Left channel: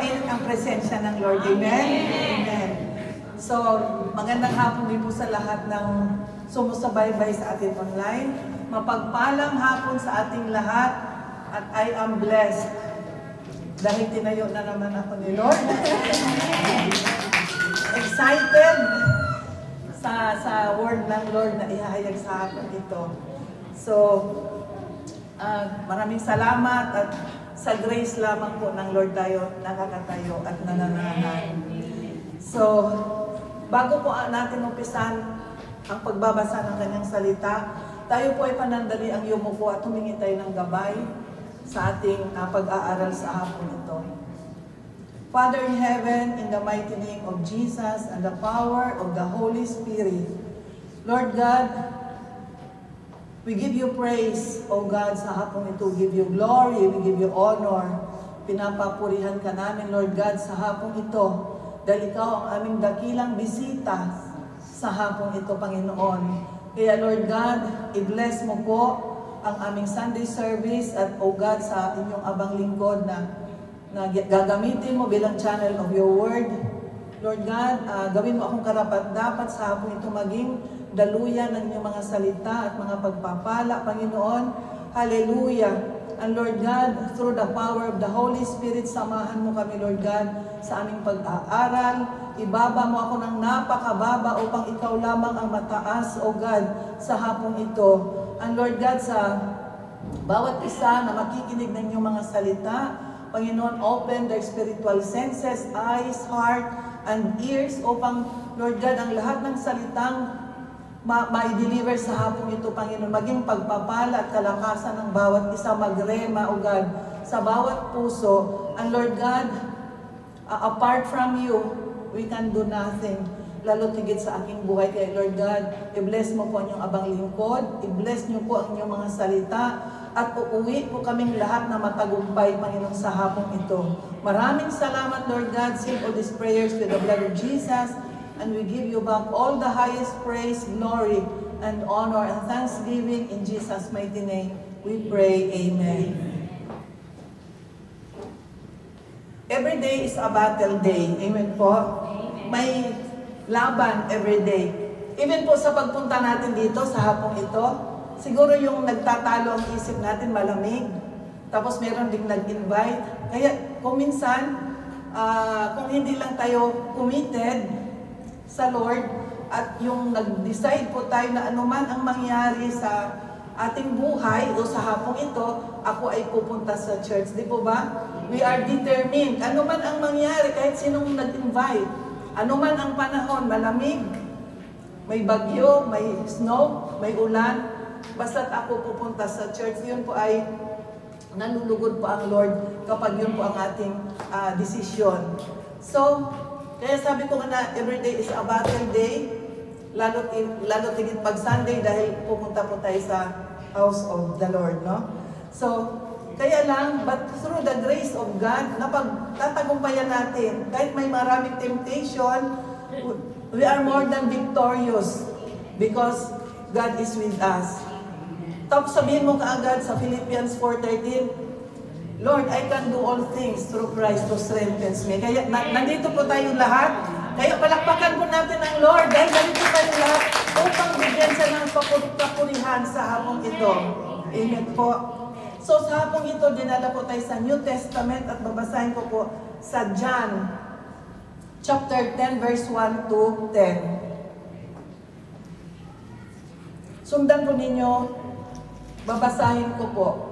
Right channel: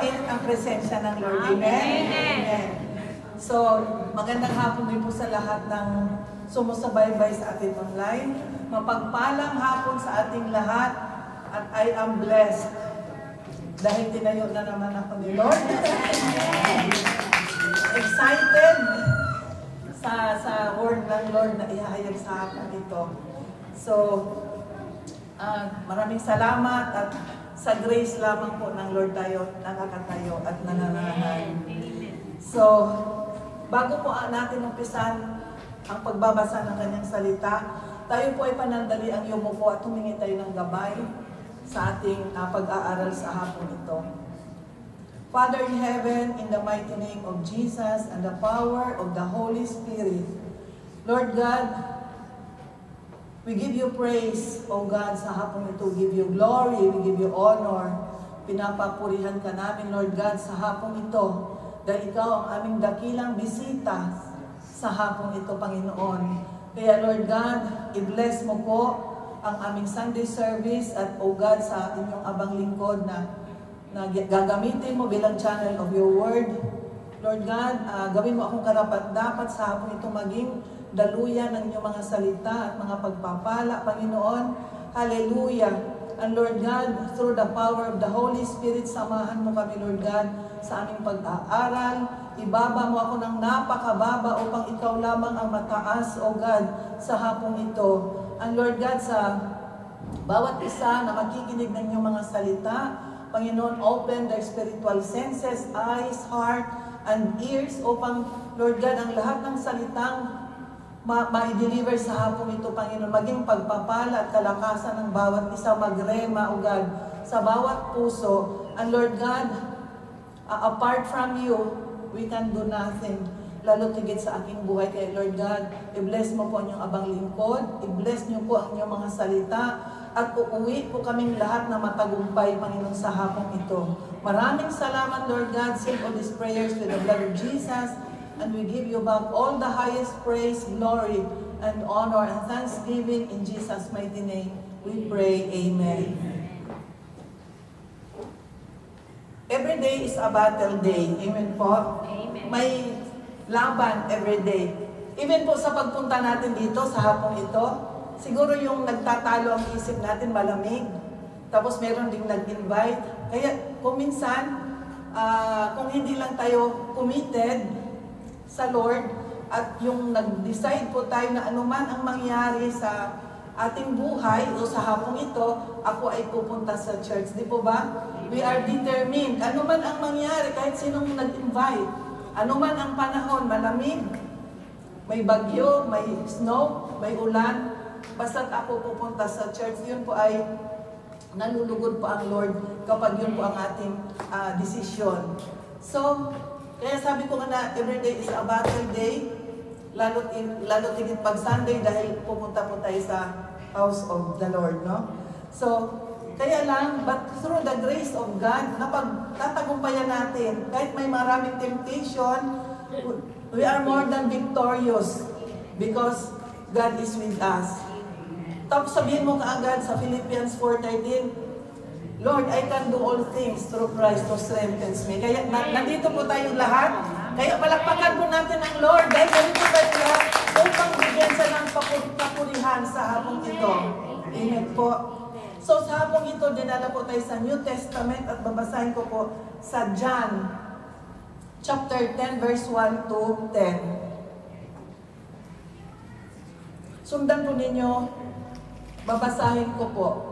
mainit ang presensya ng Lord. Amen? Amen. So, magandang hapon din po sa lahat ng sumusubaybay sa atin online. Mapagpalang hapon sa ating lahat at I am blessed dahil tinayo na naman ako ni Lord. Excited sa word ng Lord na ihahayag sa akin ito. So, maraming salamat at sa grace lamang po ng Lord tayo nakakatayo at nananahan. So, bago po natin umpisan ang pagbabasa ng kanyang salita, tayo po ay panandali ang yumuko at humingi tayo ng gabay sa ating pag-aaral sa hapon ito. Father in heaven, in the mighty name of Jesus and the power of the Holy Spirit, Lord God, we give you praise, O God, sa hapon ito. We give you glory, we give you honor. Pinapapurihan ka namin, Lord God, sa hapon ito. Dahil ikaw ang aming dakilang bisita sa hapon ito, Panginoon. Kaya, Lord God, i-bless mo po ang aming Sunday service at, O God, sa inyong abang lingkod na gagamitin mo bilang channel of your word. Lord God, gawin mo akong karapat-dapat sa hapon ito maging daluyan ng inyong mga salita at mga pagpapala, Panginoon. Hallelujah. And Lord God, through the power of the Holy Spirit, samahan mo kami, Lord God, sa aming pag-aaral. Ibaba mo ako ng napakababa upang ikaw lamang ang mataas, O God, sa hapong ito. And Lord God, sa bawat isa na makikinig ng inyong mga salita, Panginoon, open their spiritual senses, eyes, heart, and ears upang, Lord God, ang lahat ng salitang ma-deliver sa hapon ito, Panginoon, maging pagpapala at kalakasan ng bawat isa, magrema, O God, sa bawat puso. And Lord God, apart from you, we can do nothing. Lalo tigit sa aking buhay. Kaya Lord God, i-bless mo po ang inyong abang lingkod, i-bless niyo po ang inyong mga salita, at uuwi po kaming lahat na matagumpay, Panginoon, sa hapong ito. Maraming salamat, Lord God. Seal all these prayers with the blood of Jesus. And we give you back all the highest praise, glory, and honor, and thanksgiving in Jesus' mighty name. We pray, Amen. Every day is a battle day. Amen po. May laban every day. Even po sa pagpunta natin dito sa hapong ito, siguro yung nagtatalo ang isip natin malamig. Tapos meron ding nag-invite. Kaya kung minsan, kung hindi lang tayo committed sa Lord at yung nag-decide po tayo na anuman ang mangyari sa ating buhay o sa hapong ito, ako ay pupunta sa church. Di po ba? We are determined. Anuman ang mangyari, kahit sinong nag-invite, anuman ang panahon, malamig, may bagyo, may snow, may ulan, basta't ako pupunta sa church. Yun po ay nalulugod po ang Lord kapag yun po ang ating desisyon. So, kaya sabi ko nga na every day is a battle day, lalo tigit pag Sunday dahil pupunta po tayo sa house of the Lord, no? So, kaya lang, but through the grace of God, napagtatagumpayan natin. Kahit may maraming temptation, we are more than victorious because God is with us. Tapos sabihin mo kaagad sa Philippians 4:13, Lord, I can do all things through Christ who strengthens me. Kaya nandito po tayong lahat. Kaya palakpakan po natin ang Lord dahil nandito tayo lahat upang bigyan siya ng papurihan sa hapong ito. Amen po. So sa hapong ito, dinala po tayo sa New Testament at babasahin ko po sa John chapter 10 verse 1 to 10. Sundan po ninyo, babasahin ko po.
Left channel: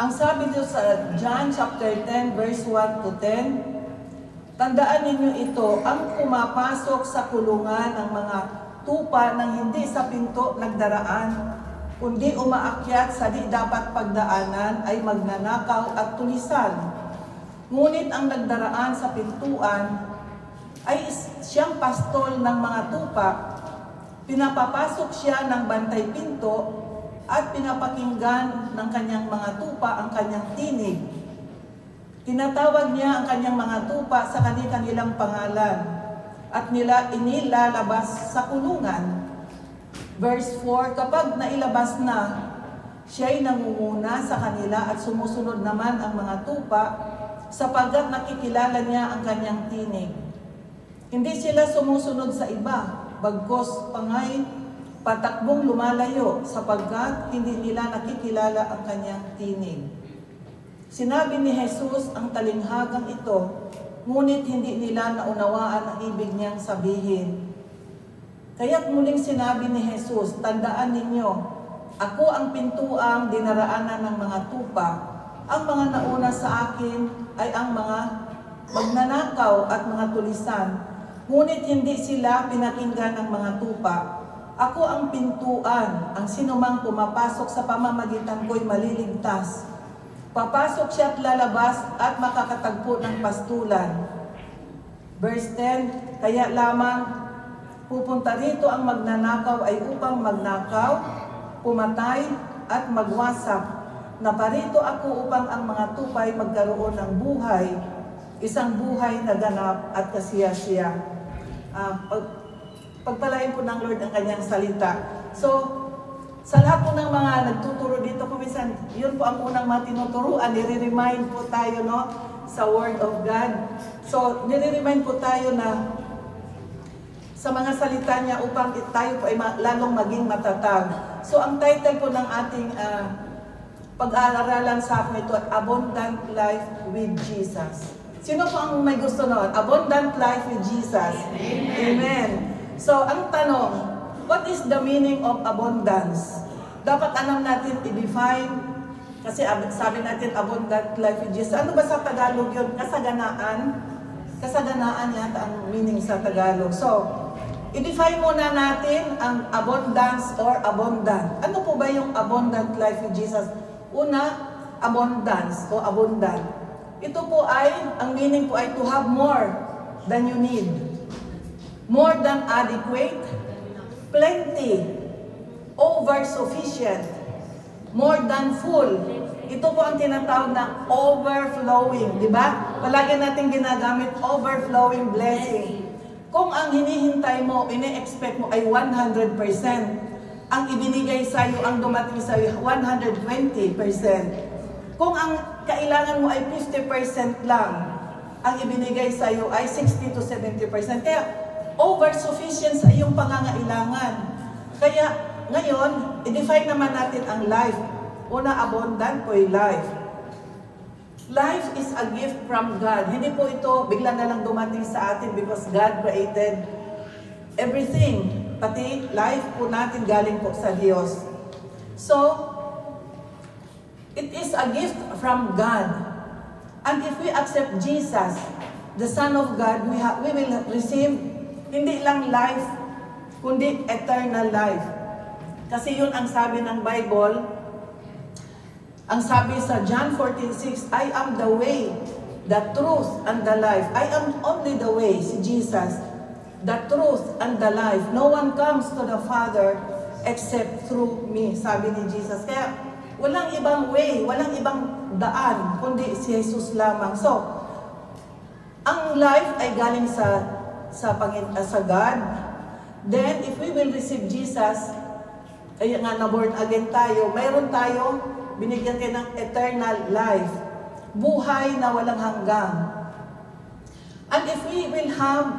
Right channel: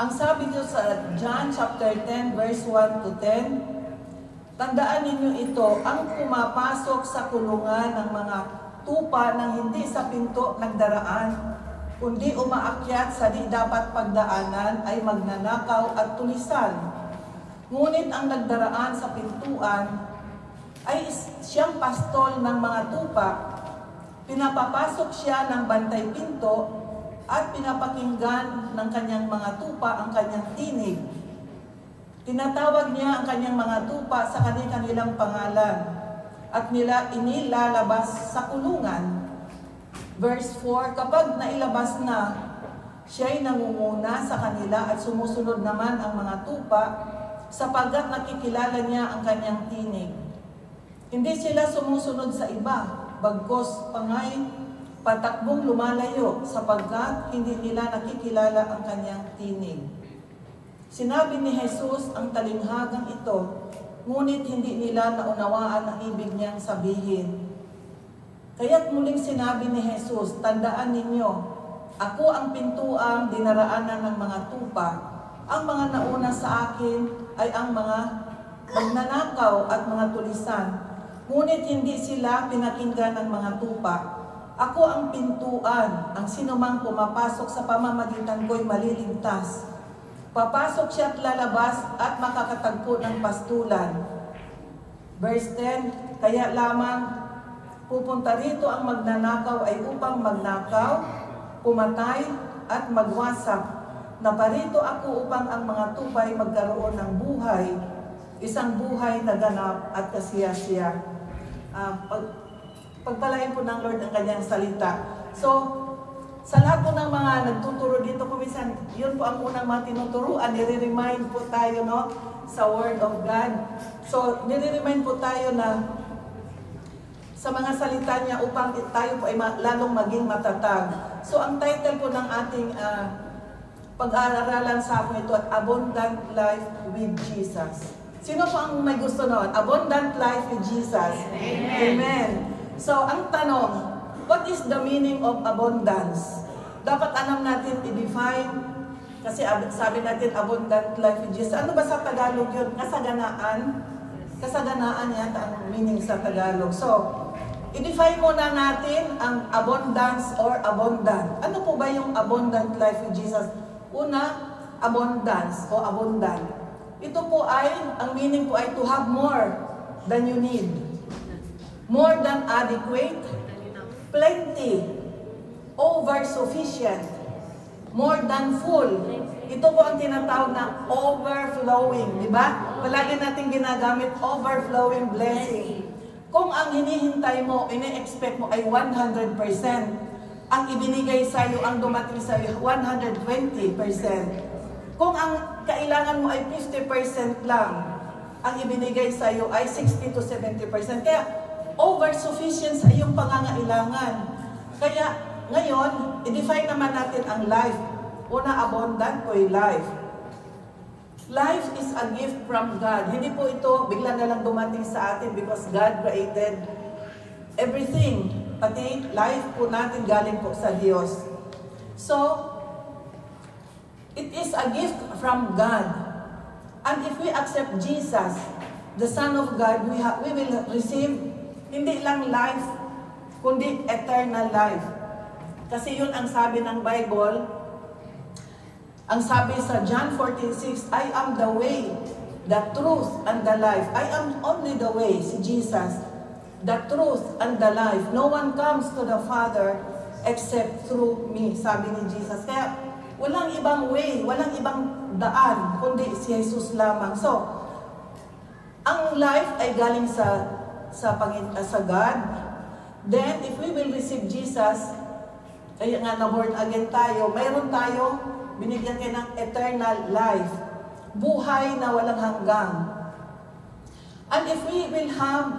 Ang sabi dito sa John chapter 10 verse 1 to 10, tandaan ninyo ito, ang pumapasok sa kulungan ng mga tupa ng hindi sa pinto nagdaraan, kundi umaakyat sa di dapat pagdaanan ay magnanakaw at tulisan. Ngunit ang nagdaraan sa pintuan ay siyang pastol ng mga tupa. Pinapapasok siya ng bantay pinto at pinapakinggan ng kanyang mga tupa ang kanyang tinig. Tinatawag niya ang kanyang mga tupa sa kanilang pangalan at inilalabas sa kulungan. Verse 4, kapag nailabas na, siya'y nangunguna sa kanila at sumusunod naman ang mga tupa sapagkat nakikilala niya ang kanyang tinig. Hindi sila sumusunod sa iba, bagkos pangay patakbong lumalayo, sapagkat hindi nila nakikilala ang kanyang tinig. Sinabi ni Jesus ang talinghagang ito, ngunit hindi nila naunawaan ang ibig niyang sabihin. Kaya't muling sinabi ni Jesus, tandaan ninyo, ako ang pintuang dinaraanan ng mga tupa. Ang mga nauna sa akin ay ang mga magnanakaw at mga tulisan. Ngunit hindi sila pinakinggan ng mga tupa. Ako ang pintuan, ang sinumang pumapasok sa pamamagitan ko'y maliligtas. Papasok siya at lalabas at makakatagpo ng pastulan. Verse 10, kaya lamang pupunta rito ang magnanakaw ay upang magnakaw, pumatay at magwasak. Naparito ako upang ang mga tupay magkaroon ng buhay, isang buhay na ganap at kasiyasiya. Pagpalain po ng Lord ang kanyang salita. So, sa lahat po ng mga nagtuturo dito, kuminsan, yun po ang unang mga tinuturuan, nire-remind po tayo, no, sa Word of God. So, nire-remind po tayo na sa mga salita niya upang tayo po ay lalong maging matatag. So, ang title po ng ating pag-aaralan sa akin ito, Abundant Life with Jesus. Sino po ang may gusto noon? Abundant Life with Jesus. Amen. Amen. So, ang tanong, what is the meaning of abundance? Dapat alam natin i-define, kasi sabi natin abundant life with Jesus. Ano ba sa Tagalog yun? Kasaganaan? Kasaganaan yata ang meaning sa Tagalog. So, i-define muna natin ang abundance or abundant. Ano po ba yung abundant life with Jesus? Una, abundance o abundant. Ito po ay, ang meaning po ay to have more than you need. More than adequate, plenty, over-sufficient, more than full. Ito po ang tinatawag na overflowing, di ba? Palagi natin ginagamit overflowing blessing. Kung ang hinihintay mo, ine-expect mo ay 100%, ang ibinigay sa iyo, ang dumating sa iyo, 120%. Kung ang kailangan mo ay 50% lang, ang ibinigay sa iyo ay 60 to 70%. Kaya, over-sufficient sa iyong pangangailangan. Kaya, ngayon, i-define naman natin ang life. Una, abundant po yung life. Life is a gift from God. Hindi po ito bigla na lang dumating sa atin because God created everything. Pati life po natin galing po sa Diyos. So, it is a gift from God. And if we accept Jesus, the Son of God, we will receive hindi lang life, kundi eternal life. Kasi yun ang sabi ng Bible. Ang sabi sa John 14:6, I am the way, the truth, and the life. I am only the way, si Jesus. The truth and the life. No one comes to the Father except through me, sabi ni Jesus. Kaya walang ibang way, walang ibang daan, kundi si Jesus lamang. So, ang life ay galing sa God. Then, if we will receive Jesus, kaya nga na-born again tayo, mayroon tayo, binigyan kayo ng eternal life. Buhay na walang hanggang. And if we will have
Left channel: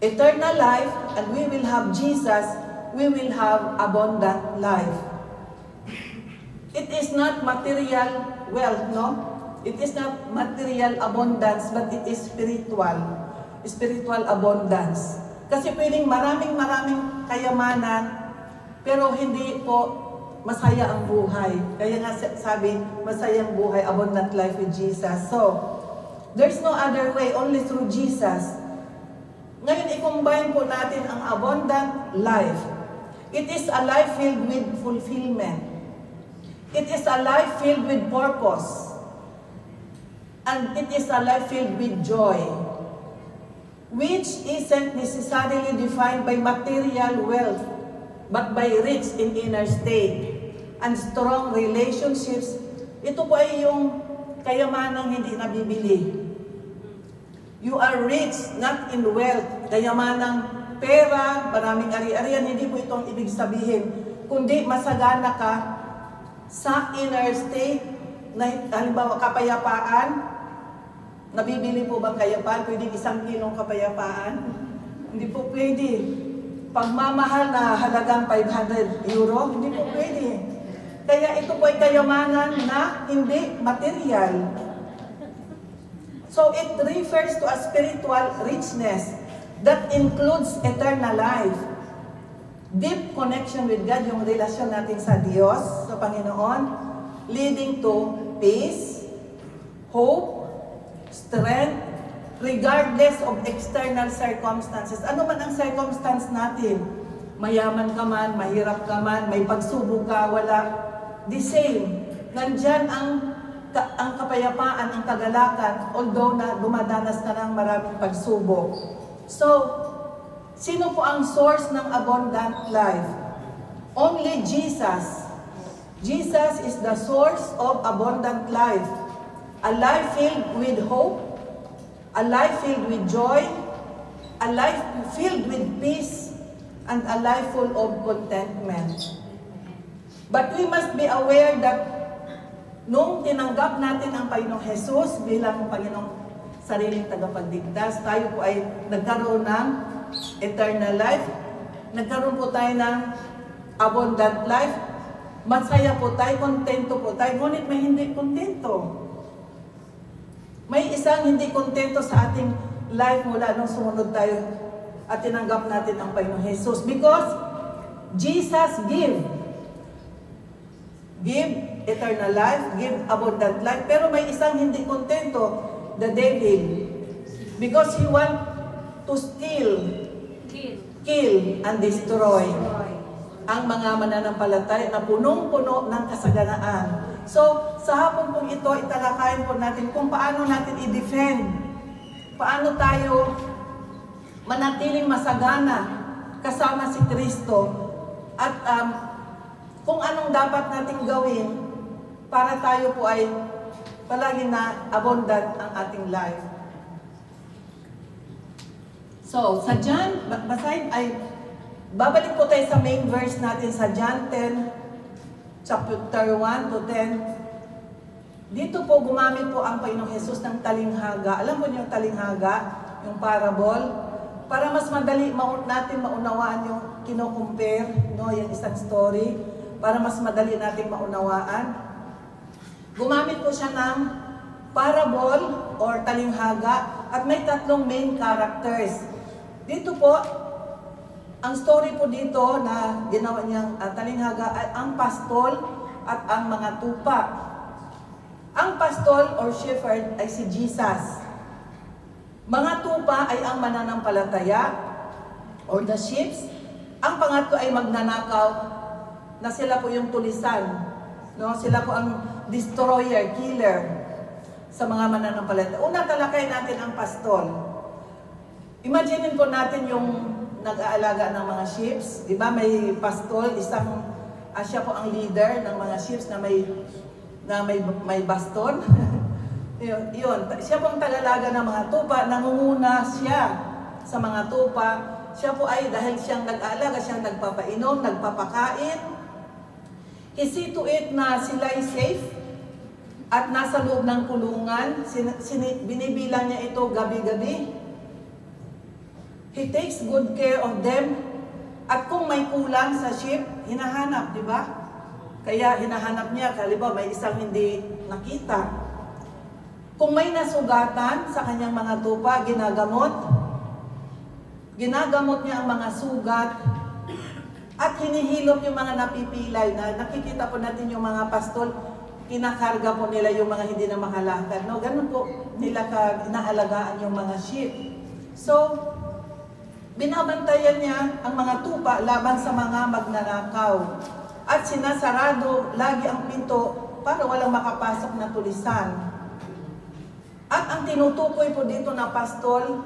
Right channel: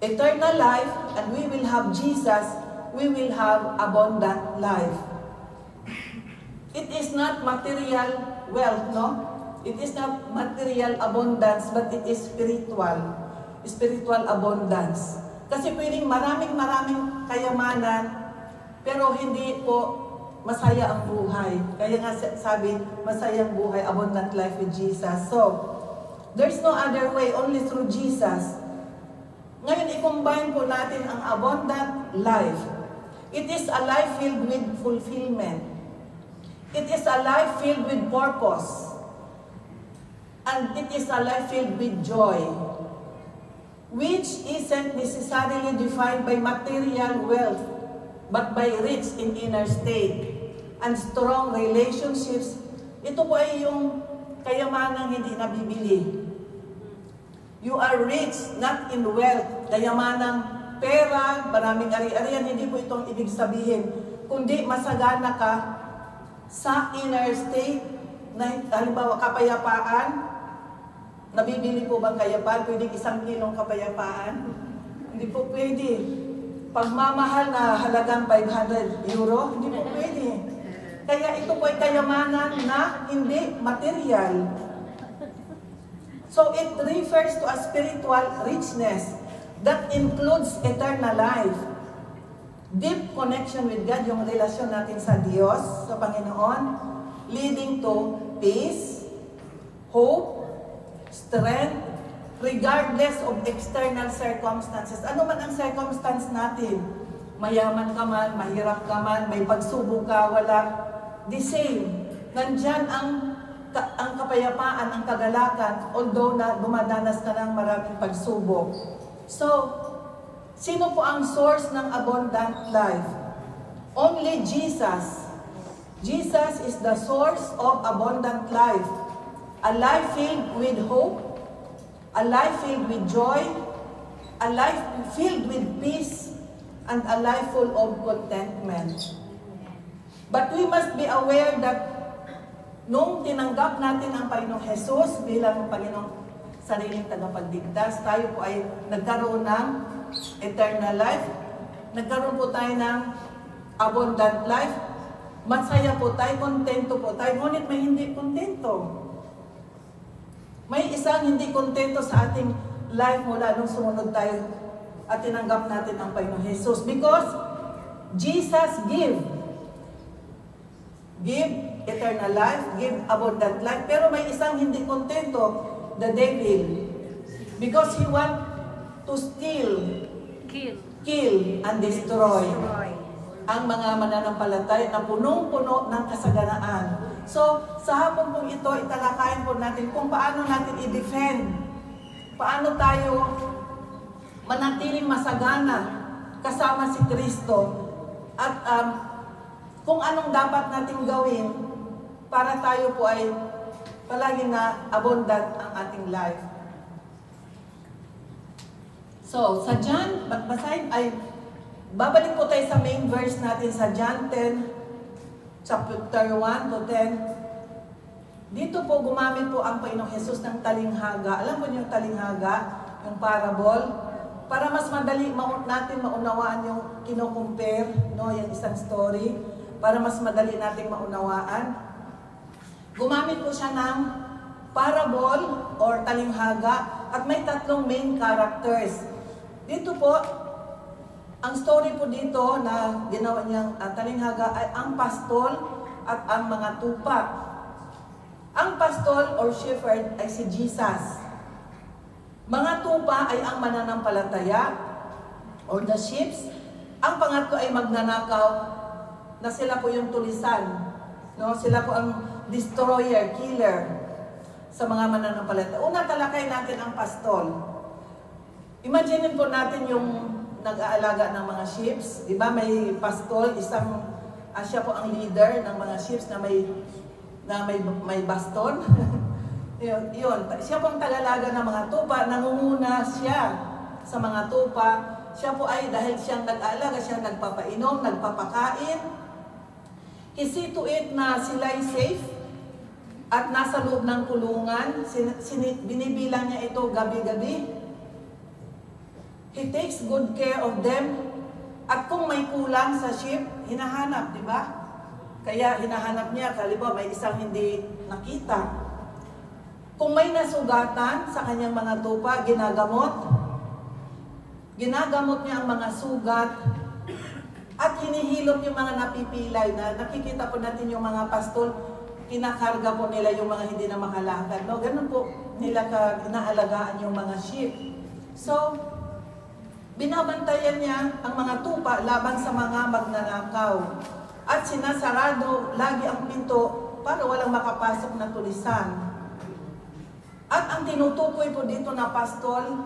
eternal life, and we will have Jesus, we will have abundant life. It is not material wealth, no? It is not material abundance, but it is spiritual. Spiritual abundance. Kasi pwedeng maraming kayamanan, pero hindi po masaya ang buhay. Kaya nga sabi, masaya ang buhay, abundant life with Jesus. So, there's no other way, only through Jesus. Ngayon, i-combine po natin ang abundant life. It is a life filled with fulfillment. It is a life filled with purpose. And it is a life filled with joy, which isn't necessarily defined by material wealth, but by rich in inner state and strong relationships. Ito po ay yung kayamanang hindi nabibili. You are rich not in wealth, kayamanang pera, maraming ari-arian, hindi po itong ibig sabihin, kundi masagana ka sa inner state na halimbawa kapayapaan, nabibili po bang kapayapaan? Pwede 1 kilong kapayapaan? Hindi po pwede. Pagmamahal na halagang 500 euro, hindi po pwede. Kaya ito po ay kayamanan na hindi material. So it refers to a spiritual richness that includes eternal life. Deep connection with God, yung relasyon natin sa Diyos, sa Panginoon, leading to peace, hope, strength, regardless of external circumstances. Ano man ang circumstance natin, mayaman ka man, mahirap ka man, may pagsubok ka, wala, the same. Nandyan ang kapayapaan, ang kagalakan, although na dumadanas ka ng maraming pagsubok. So, sino po ang source ng abundant life? Only Jesus. Jesus is the source of abundant life. A life filled with hope, a life filled with joy, a life filled with peace, and a life full of contentment. But we must be aware that nung tinanggap natin ang Panginoong Jesus bilang Panginoong sariling tagapagligtas, tayo po ay nagkaroon ng eternal life, nagkaroon po tayo ng abundant life, masaya po tayo, kontento po tayo, ngunit may hindi kontento. May isang hindi kontento sa ating life mula nung sumunod tayo at tinanggap natin ang Panginoong Jesus. Because Jesus give eternal life, give abundant life, pero may isang hindi kontento, the devil. Because he want to steal, kill, and destroy ang mga mananampalataya na punong-puno ng kasaganaan. So, sa hapon pong ito, italakayin po natin kung paano natin i-defend, paano tayo manatiling masagana kasama si Kristo, at kung anong dapat nating gawin para tayo po ay palagi na abundant ang ating life. So, sa John, babalik po tayo sa main verse natin sa John 10, chapter 1 to 10. Dito po gumamit po ang Panginoong Jesus ng talinghaga. Alam mo yung talinghaga, yung parable, para mas madali natin maunawaan yung kino-compare, no, yung isang story, para mas madali natin maunawaan. Gumamit po siya ng parable or talinghaga at may 3 main characters. Dito po, ang story po dito na ginawa niyang talinghaga ay ang pastol at ang mga tupa. Ang pastol or shepherd ay si Jesus. Mga tupa ay ang mananampalataya or the sheep. Ang pangatlo ay magnanakaw na sila po yung tulisan. No? Sila po ang destroyer, killer sa mga mananampalataya. Una, talakay natin ang pastol. Imagine po natin yung nag-aalaga ng mga sheep. Di ba may pastol, siya po ang leader ng mga sheep na may baston. Yun, siya po ang tagalaga ng mga tupa, nangunguna siya sa mga tupa. Siya po ay, dahil siyang nag-aalaga, siyang nagpapainom, nagpapakain. He see to it na sila ay safe at nasa loob ng kulungan. Binibilang niya ito gabi-gabi. He takes good care of them. At kung may kulang sa sheep, hinahanap, di ba? Kaya hinahanap niya, halimbawa may isang hindi nakita. Kung may nasugatan sa kanyang mga tupa, ginagamot. Ginagamot niya ang mga sugat at hinihilot yung mga napipilay na nakikita po natin yung mga pastol, kinakarga po nila yung mga hindi na makalakad. No? Ganun po nila inaalagaan yung mga sheep. So, binabantayan niya ang mga tupa laban sa mga magnanakaw. At sinasarado lagi ang pinto para walang makapasok na tulisan. At ang tinutukoy po dito na pastol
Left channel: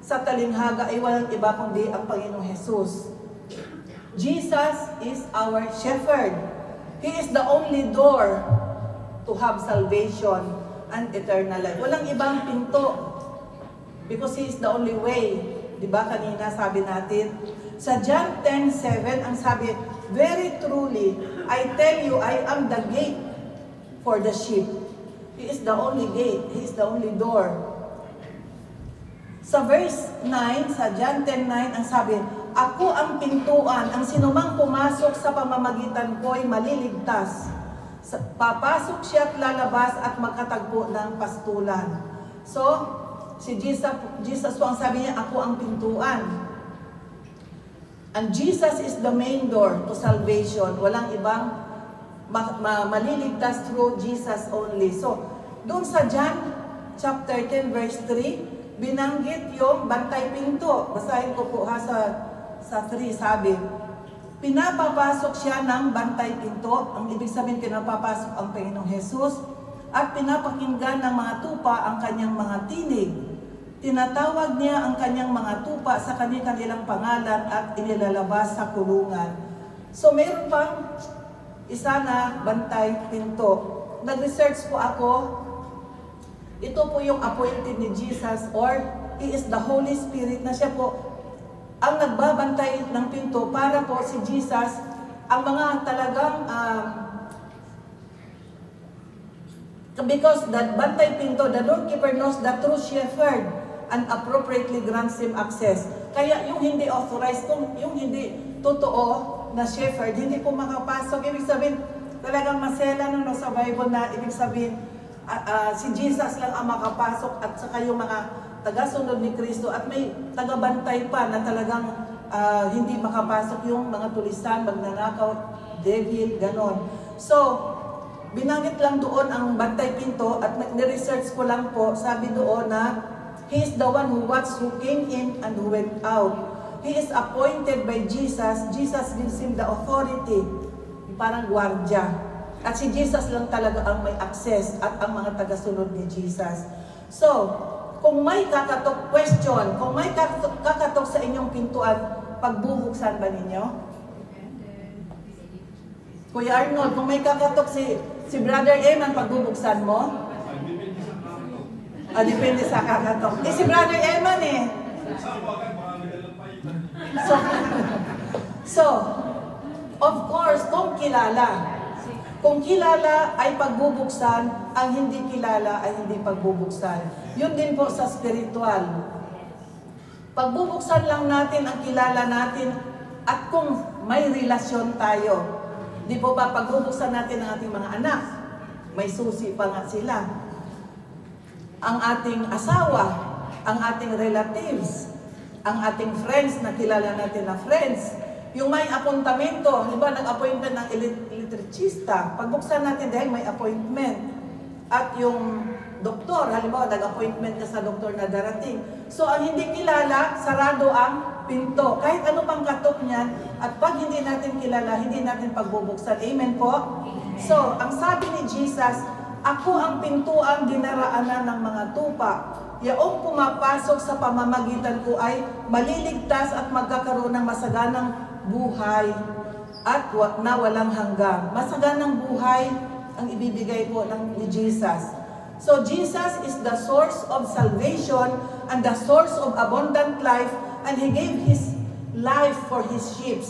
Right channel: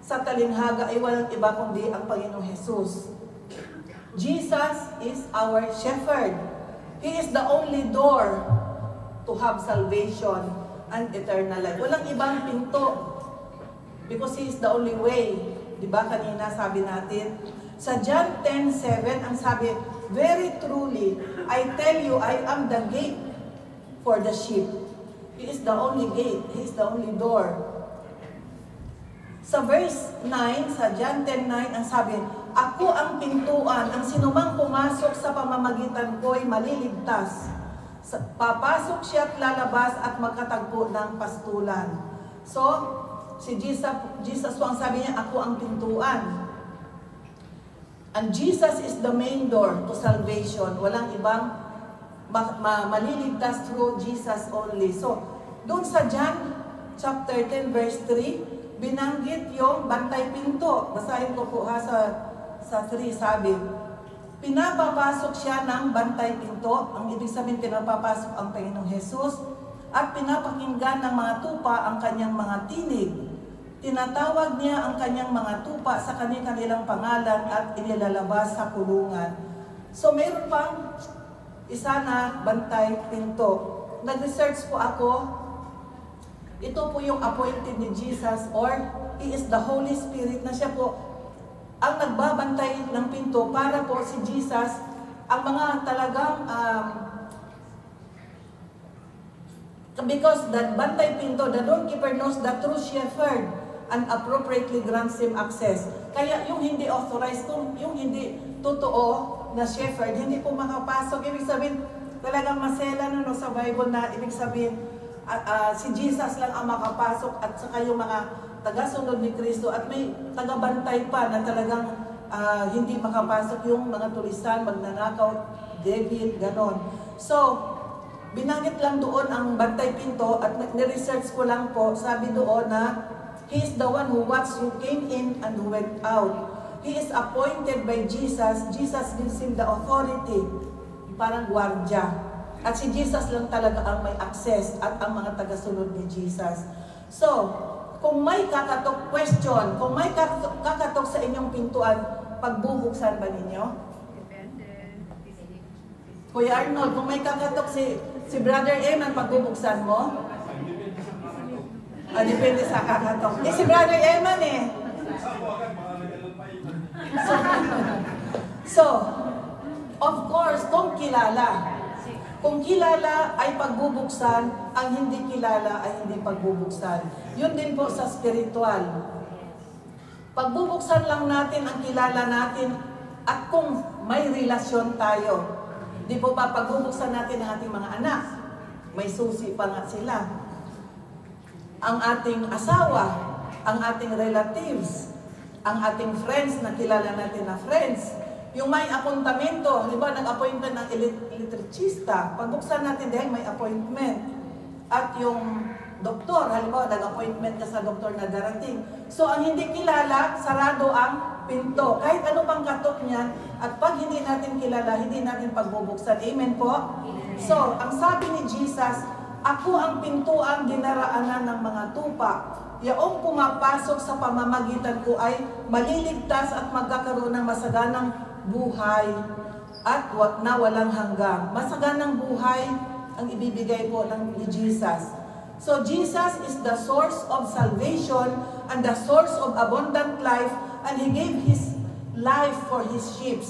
sa talinghaga ay walang iba kundi ang Panginoong Jesus. Jesus is our shepherd. He is the only door to have salvation and eternal life. Walang ibang pinto because He is the only way. Diba kanina sabi natin? Sa John 10:7, ang sabi, very truly, I tell you, I am the gate for the sheep. He is the only gate. He is the only door. Sa verse 9, sa John 10:9, ang sabi, ako ang pintuan, ang sinumang pumasok sa pamamagitan ko ay maliligtas. Papasok siya at lalabas at magkatagpo ng pastulan. So, si Jesus po ang sabi niya, ako ang pintuan. And Jesus is the main door to salvation. Walang ibang maliligtas through Jesus only. So, doon sa John chapter 10 verse 3, binanggit yung bantay pinto. Basahin ko po ha sa 3, sabi, pinapapasok siya ng bantay pinto. Ang ibig sabihin, pinapapasok ang Panginoong Jesus at pinapakinggan ng mga tupa ang kanyang mga tinig. Tinatawag niya ang kanyang mga tupa sa kanilang pangalan at inilalabas sa kulungan. So, mayroon pang isa na bantay pinto. Nag-research po ako. Ito po yung appointed ni Jesus, or He is the Holy Spirit, na siya po ang nagbabantay ng pinto para po si Jesus, ang mga talagang because that bantay pinto, the doorkeeper knows the true shepherd and appropriately grants him access. Kaya yung hindi authorized, yung hindi totoo na shepherd, hindi po makapasok. Ibig sabihin, talagang masela no, sa Bible na ibig sabihin, si Jesus lang ang makapasok at saka yung mga tagasunod ni Kristo, at may tagabantay pa na talagang hindi makapasok yung mga tulisan, magnanakaw, devil, ganon. So, binanggit lang doon ang bantay pinto at ni-research ko lang po, sabi doon na He is the one who watched who came in and who went out. He is appointed by Jesus. Jesus gives him the authority, parang gwardiya. At si Jesus lang talaga ang may access at ang mga tagasunod ni Jesus. So, kung may kakatok question, kung may kakatok sa inyong pintuan, pagbubuksan ba ninyo? Kuya Arnold, kung may kakatok si Brother Eman, pagbubuksan mo? Depende sa kakatok. Si Brother Eman So, of course, kung kilala ay pagbubuksan, ang hindi kilala ay hindi pagbubuksan. Yun din po sa spiritual. Pagbubuksan lang natin ang kilala natin at kung may relasyon tayo. Di po ba pagbubuksan natin ang ating mga anak? May susi pa nga sila. Ang ating asawa, ang ating relatives, ang ating friends na kilala natin na friends. Yung may apuntamento, halimbawa nag-appointment ng elektricista, pagbuksan natin dahil may appointment. At yung doktor, halimbawa nag-appointment ka sa doktor na darating. So ang hindi kilala, sarado ang pinto. Kahit ano pang katok niyan, at pag hindi natin kilala, hindi natin pagbubuksan. Amen po? So, ang sabi ni Jesus, ako ang pintuang dinaraanan ng mga tupa. Yaong pumapasok sa pamamagitan ko ay maliligtas at magkakaroon ng masaganang buhay at na walang hanggang. Masaganang buhay ang ibibigay po ni Jesus. So Jesus is the source of salvation and the source of abundant life, and He gave His life for His sheep.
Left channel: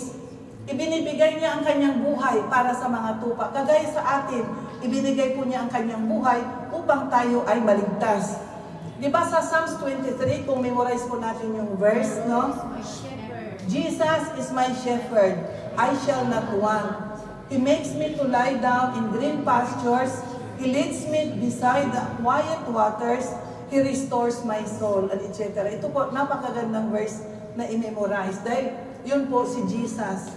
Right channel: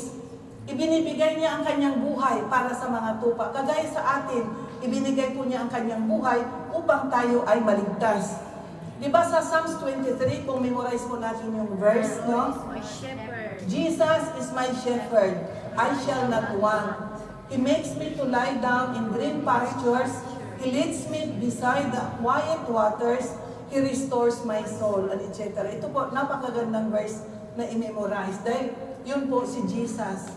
Ibinibigay niya ang kanyang buhay para sa mga tupa. Kagaya sa atin, ibinigay po niya ang kanyang buhay upang tayo ay maligtas. Diba sa Psalms 23, kung memorize po natin yung verse, no? Jesus is my shepherd, I shall not want. He makes me to lie down in green pastures. He leads me beside the quiet waters. He restores my soul, and etc. Ito po, napakagandang verse na i-memorize. Dahil yun po si Jesus.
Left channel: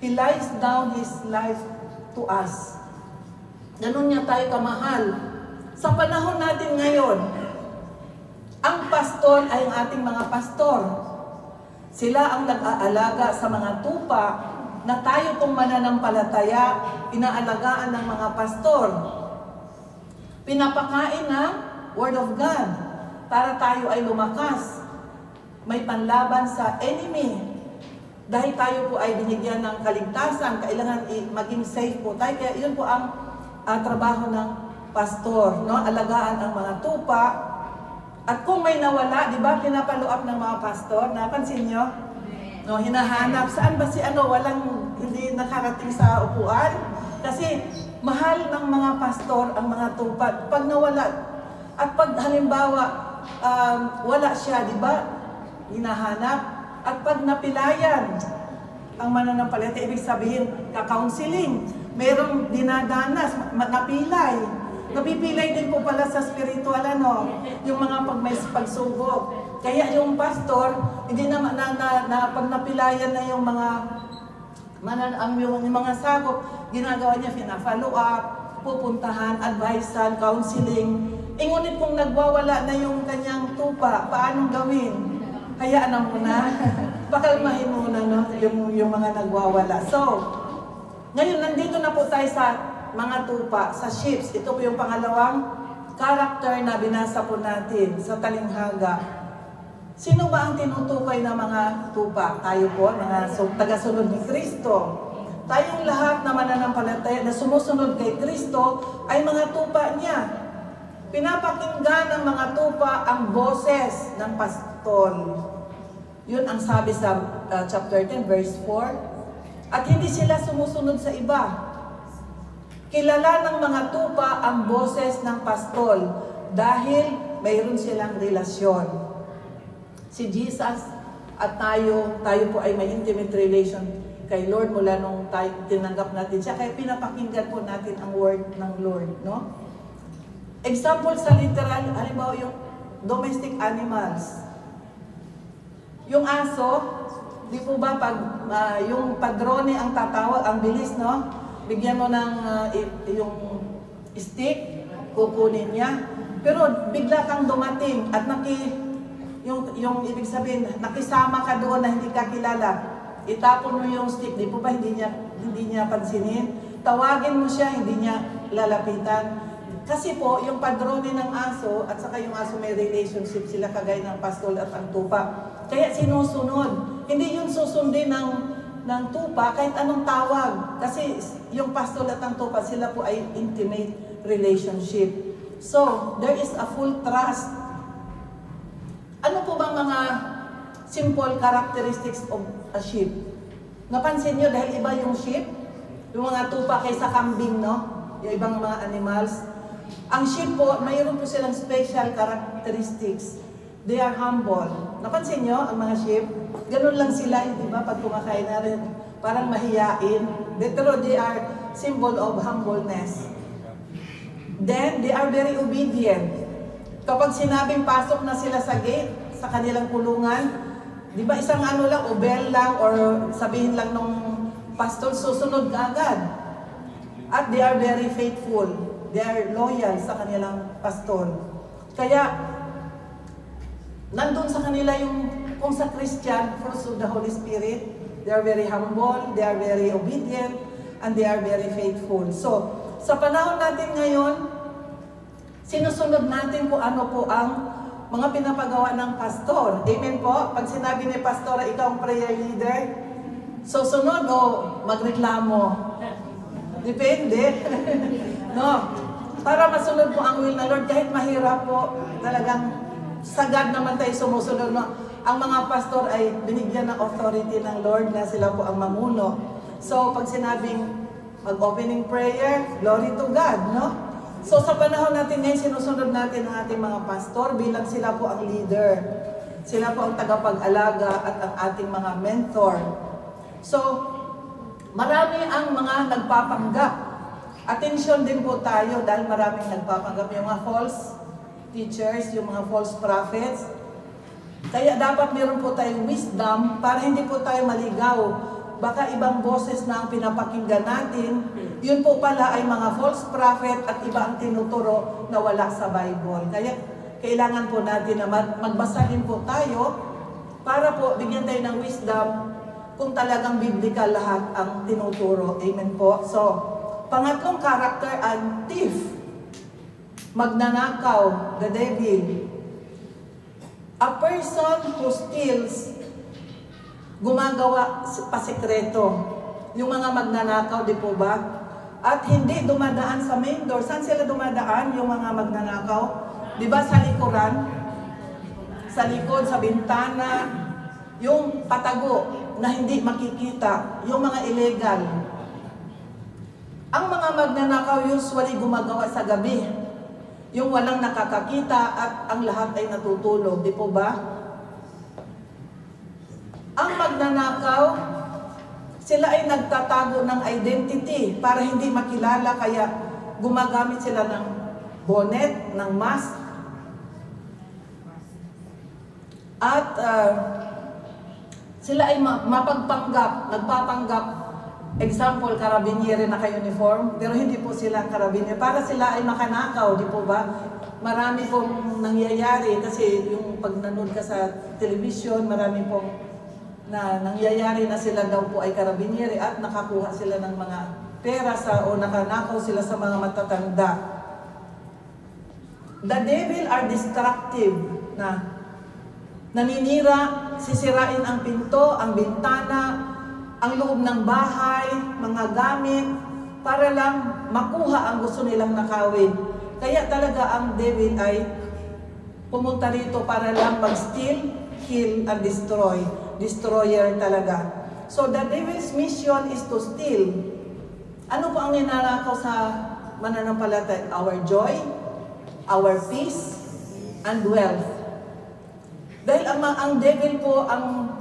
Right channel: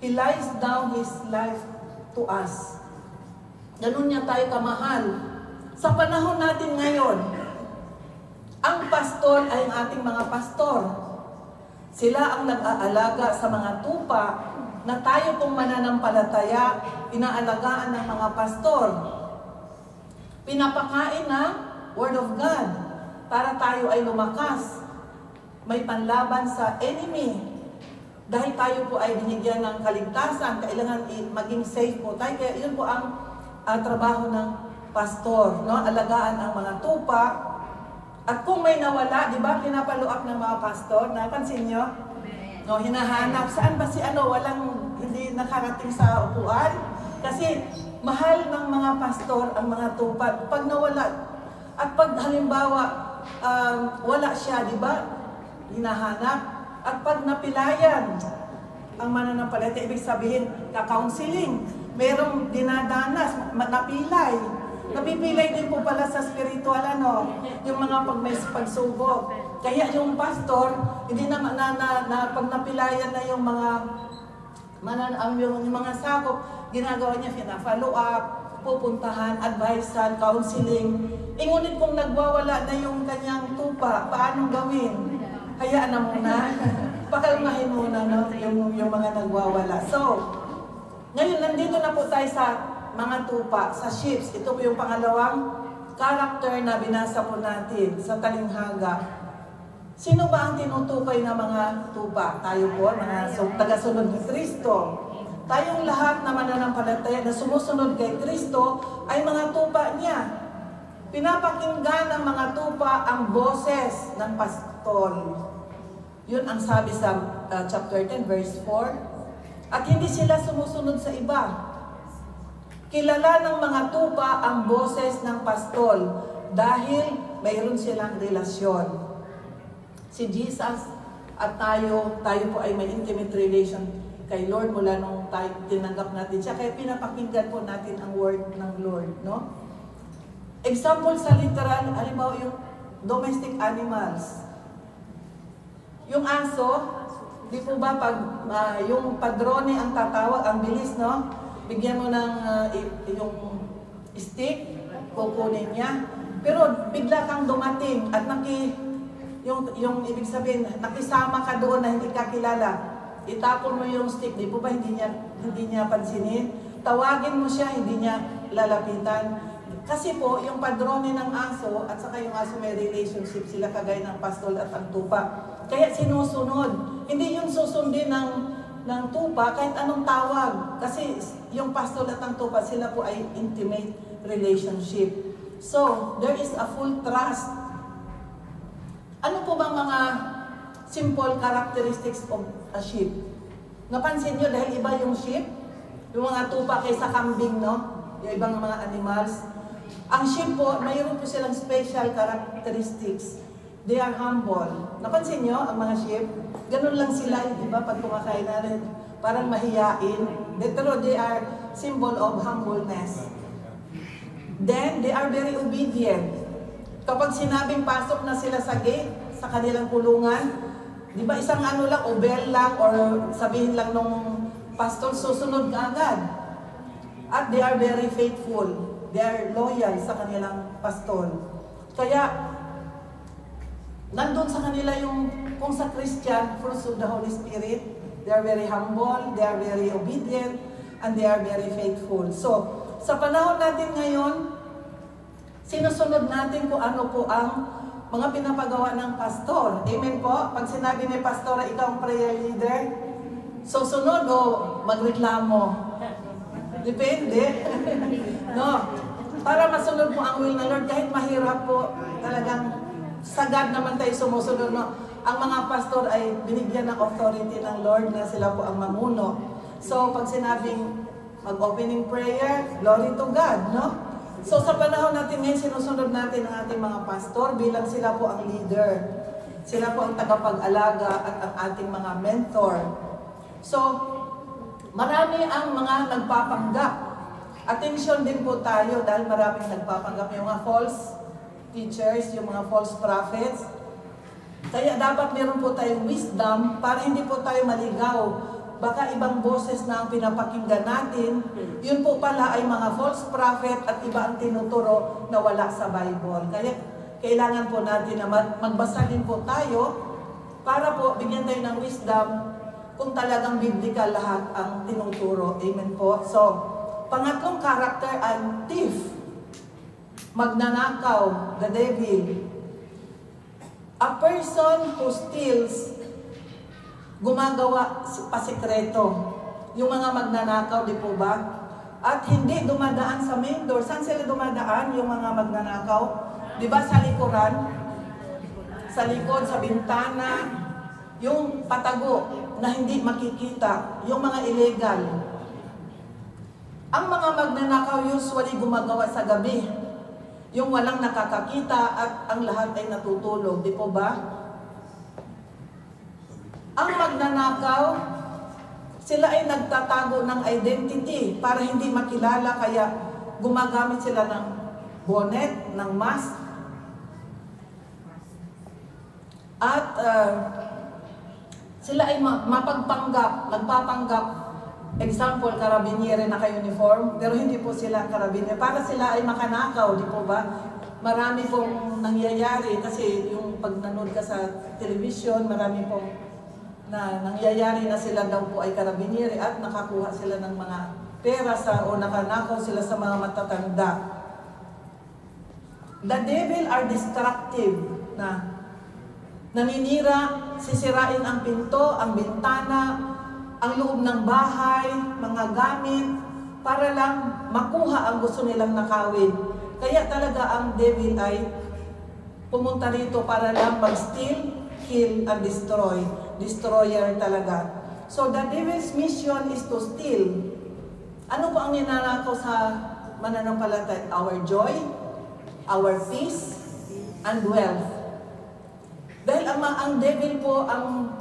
He lies down His life to us. Ganun niya tayo kamahal. Sa panahon natin ngayon, ang pastor ay ang ating mga pastor. Sila ang nag-aalaga sa mga tupa na tayo pong mananampalataya, inaalagaan ng mga pastor. Pinapakain ng Word of God para tayo ay lumakas. May panlaban sa enemy. Dahil tayo po ay binigyan ng kaligtasan, kailangan maging safe po tayo. Kaya yun po ang trabaho ng pastor, no? Alagaan ang mga tupa. At kung may nawala, di ba, pinapalo-up ng mga pastor, napansin nyo? No, hinahanap, saan ba si walang, hindi nakarating sa upuan? Kasi mahal ng mga pastor ang mga tupa. Pag nawala, at pag halimbawa wala siya, di ba? Hinahanap. At pag napilayan ang mananampalataya, ibig sabihin, ka-counseling. Merong dinadanas, napilay. Napipilay din po pala sa spiritual, yung mga pag may pagsubok. Kaya yung pastor, hindi na pag napilayan na yung mga sakop, ginagawa niya, pina-follow up, pupuntahan, advisean, counseling. Ngunit kung nagwawala na yung kanyang tupa, paano gawin? Hayaan na muna. Pakalmahin muna yung mga nagwawala. So, ngayon, nandito na po tayo sa mga tupa, sa ships. Ito po yung pangalawang character na binasa po natin sa talinghaga. Sino ba ang tinutukoy ng mga tupa? Tayo po, mga tagasunod ni Kristo. Tayong lahat na mananampalataya na sumusunod kay Kristo ay mga tupa niya. Pinapakinggan ng mga tupa ang boses ng pastol. Yun ang sabi sa chapter 10, verse 4. At hindi sila sumusunod sa iba. Kilala ng mga tupa ang boses ng pastol dahil mayroon silang relasyon. Si Jesus at tayo po ay may intimate relation kay Lord mula nung tayo tinanggap natin siya. Kaya pinapakinggan po natin ang word ng Lord, no? Example sa literal, halimbawa yung domestic animals. Yung aso, di po ba pag yung padrone ang tatawag, ang bilis, no? Bigyan mo ng yung stick, kukunin niya. Pero bigla kang dumating at yung ibig sabihin, nakisama ka doon na hindi ka kilala. Itapon mo yung stick, di po ba hindi niya pansinin? Tawagin mo siya, hindi niya lalapitan. Kasi po, yung padrone ng aso at saka yung aso may relationship sila kagaya ng pastol at ang tupa. Kaya sinusunod. Hindi yun susundin ng tupa kahit anong tawag. Kasi yung pastol at ang tupa, sila po ay intimate relationship. So, there is a full trust. Ano po ba mga simple characteristics of a sheep? Napansin nyo dahil iba yung sheep? Yung mga tupa kaysa kambing, no? Yung ibang mga animals. Ang sheep po, mayroon po silang special characteristics. They are humble. Napansin nyo ang mga sheep? Ganun lang sila, di ba? Pag kumakain na rin, parang mahiyain. Pero they are symbol of humbleness. Then, they are very obedient. Kapag sinabing pasok na sila sa gate, sa kanilang kulungan, di ba isang ano lang, o bell lang, or sabihin lang nung pastor, susunod ka agad. At they are very faithful. They are loyal sa kanilang pastor. Kaya, nandun sa kanila yung, kung sa Christian, fruits of the Holy Spirit, they are very humble, they are very obedient, and they are very faithful. So, sa panahon natin ngayon, sinusunod natin kung ano po ang mga pinapagawa ng pastor. Amen po? Pag sinabi ni pastor, ikaw ang prayer leader, susunod o magreklamo? Depende. No? Para masunod po ang will ng Lord, kahit mahirap po, talagang sagad naman tayo sumusunod. No? Ang mga pastor ay binigyan ng authority ng Lord na sila po ang mamuno. So, pag sinabing mag-opening prayer, glory to God, no? So, sa panahon natin ngayon, sinusunod natin ang ating mga pastor bilang sila po ang leader. Sila po ang tagapag-alaga at ang ating mga mentor. So, marami ang mga nagpapanggap. Attention din po tayo dahil maraming nagpapanggap. Yung mga false teachers, yung mga false prophets. Kaya dapat meron po tayong wisdom para hindi po tayo maligaw. Baka ibang boses na ang pinapakinggan natin, yun po pala ay mga false prophet at iba ang tinuturo na wala sa Bible. Kaya kailangan po natin na magbasa din po tayo para po bigyan tayo ng wisdom kung talagang biblical lahat ang tinuturo. Amen po. So, pangatlong character, ang thief. Magnanakaw, the devil. A person who steals, gumagawa pasikreto. Yung mga magnanakaw, di po ba? At hindi dumadaan sa main door. Saan sila dumadaan, yung mga magnanakaw? Di ba sa likuran? Sa likod, sa bintana, yung patago na hindi makikita, yung mga illegal. Ang mga magnanakaw usually gumagawa sa gabi. Yung walang nakakakita at ang lahat ay natutulog. Di po ba? Ang magnanakaw, sila ay nagtatago ng identity para hindi makilala, kaya gumagamit sila ng bonnet, ng mask. At sila ay mapagpanggap, nagpapanggap. Example, karabiniere naka-uniform, pero hindi po sila karabiniere. Para sila ay makanakaw, di po ba? Marami pong nangyayari kasi yung pag nanood ka sa television, marami pong nangyayari na sila daw po ay karabiniere at nakakuha sila ng mga pera o nakanakaw sila sa mga matatanda. The devil are destructive na naninira, sisirain ang pinto, ang bintana, ang loob ng bahay, mga gamit, para lang makuha ang gusto nilang nakawin. Kaya talaga ang devil ay pumunta rito para lang mag-steal, kill, and destroy. Destroyer talaga. So the devil's mission is to steal. Ano po ang ninanakaw sa mananampalataya? Our joy, our peace, and wealth. Dahil ang devil po, ang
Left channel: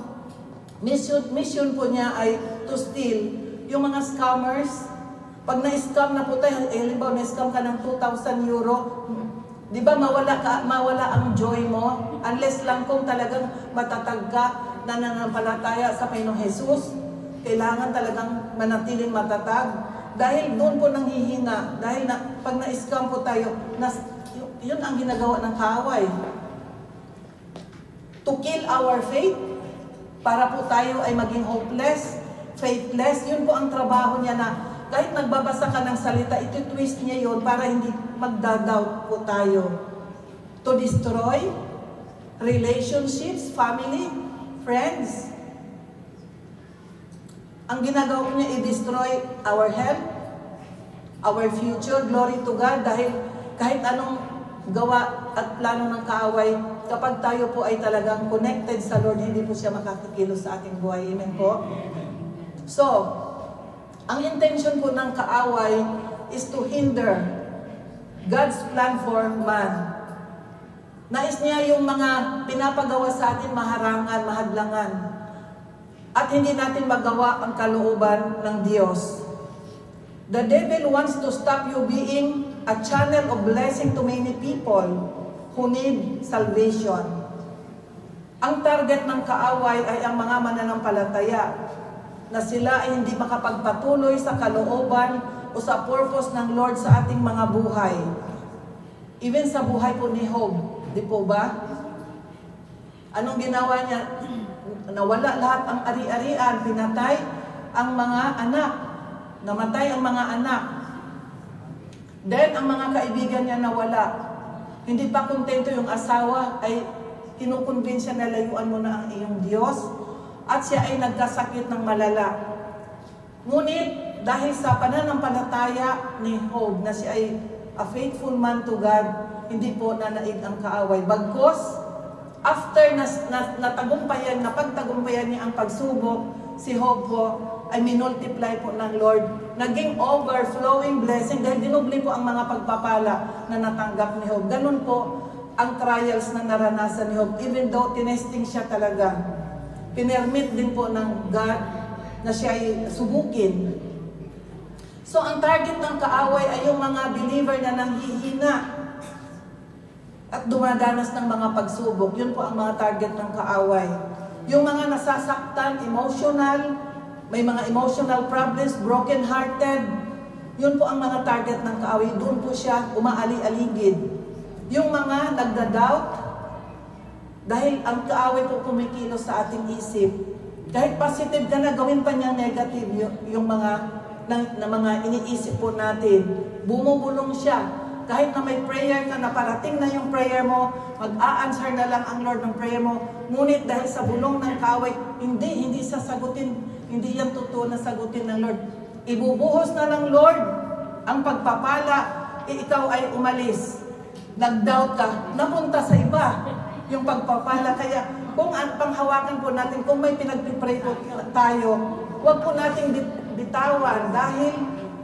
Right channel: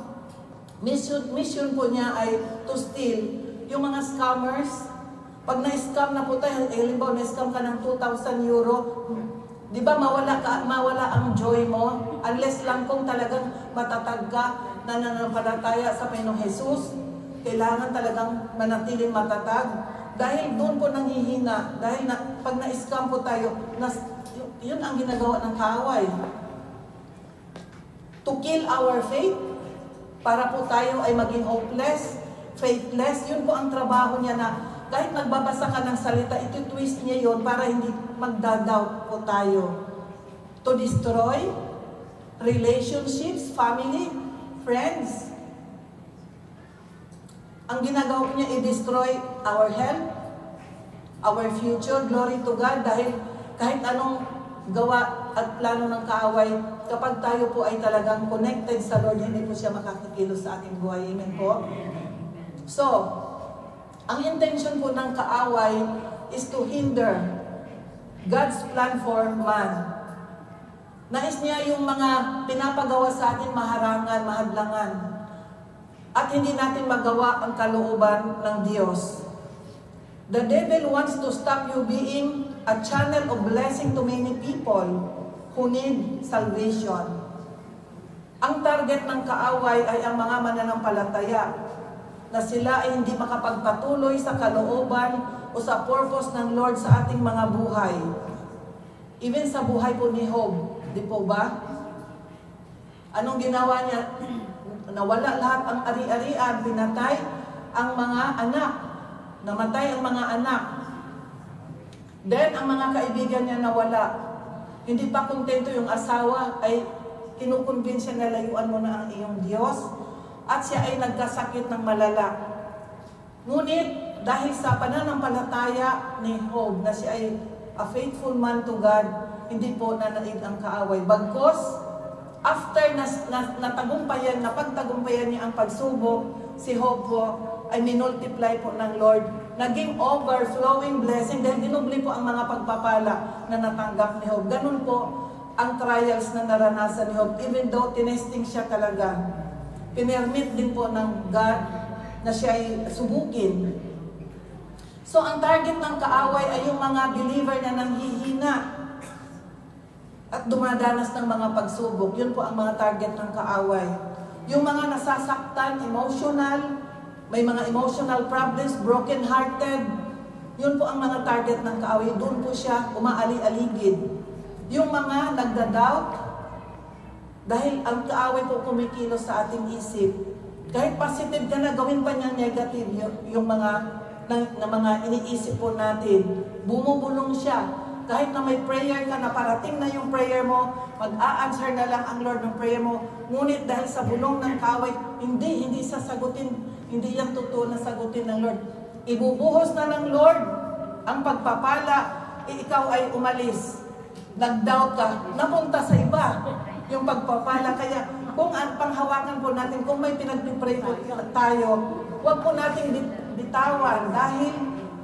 mission po niya ay to steal. Yung mga scammers, pag na-scam na po tayo, halimbawa na-scam ka ng 2,000 euro, di ba mawala ang joy mo? Unless lang kung talagang matatag ka, nananampalataya sa Panginoong Jesus, kailangan talagang manatiling matatag. Dahil doon po nanghihina, dahil pag na-scam po tayo, yun ang ginagawa ng kaaway. To kill our faith, para po tayo ay maging hopeless, faithless. Yun po ang trabaho niya, na kahit nagbabasa ka ng salita, iti-twist niya yun para hindi magdadoubt po tayo. To destroy relationships, family, friends. Ang ginagawa niya, i-destroy our health, our future. Glory to God, dahil kahit anong gawa at plano ng kaaway, kapag tayo po ay talagang connected sa Lord, hindi po siya makakakilos sa ating buhay. Amen po? So, ang intention po ng kaaway is to hinder God's plan for man. Nais niya yung mga pinapagawa sa atin maharangan, mahadlangan, at hindi natin magawa ang kalooban ng Diyos. The devil wants to stop you being a channel of blessing to many people who need salvation. Ang target ng kaaway ay ang mga mananampalataya, na sila ay hindi makapagpatuloy sa kalooban o sa purpose ng Lord sa ating mga buhay. Even sa buhay po ni Job, di po ba? Anong ginawa niya? Nawala lahat ang ari-arian, pinatay ang mga anak, namatay ang mga anak. Then, ang mga kaibigan niya nawala. Hindi pa kontento yung asawa, ay kinukonvinsya na layuan mo na ang iyong Diyos, at siya ay nagkasakit ng malala. Ngunit, dahil sa pananampalataya ni Job, na siya ay a faithful man to God, hindi po nanaig ang kaaway. Bagkos, after napagtagumpayan niya ang pagsubok, si Job po ay minultiply po ng Lord. Naging overflowing blessing dahil dinubli po ang mga pagpapala na natanggap ni Job. Ganun po ang trials na naranasan ni Job. Even though tinesting siya talaga, pinermit din po ng God na siya ay subukin. So ang target ng kaaway ay yung mga believer na nanghihina at dumadanas ng mga pagsubok. Yun po ang mga target ng kaaway. Yung mga nasasaktan, emotional, may mga emotional problems, broken-hearted, yun po ang mga target ng kaaway. Doon po siya umaali-aligid. Yung mga nagda-doubt, dahil ang kaaway po kumikilos sa ating isip. Kahit positive ka na, gawin pa niya negative yung mga iniisip po natin. Bumubulong siya. Kahit na may prayer ka na parating na yung prayer mo, mag-a-answer na lang ang Lord ng prayer mo. Ngunit dahil sa bulong ng kaaway, hindi sasagutin, hindi yan totoo na sagutin ng Lord. Ibubuhos na ng Lord ang pagpapala, ikaw ay umalis. Nag-doubt ka, napunta sa iba yung pagpapala. Kaya kung panghawakan po natin, kung may pinagpipray po tayo, huwag po natin bitawan, dahil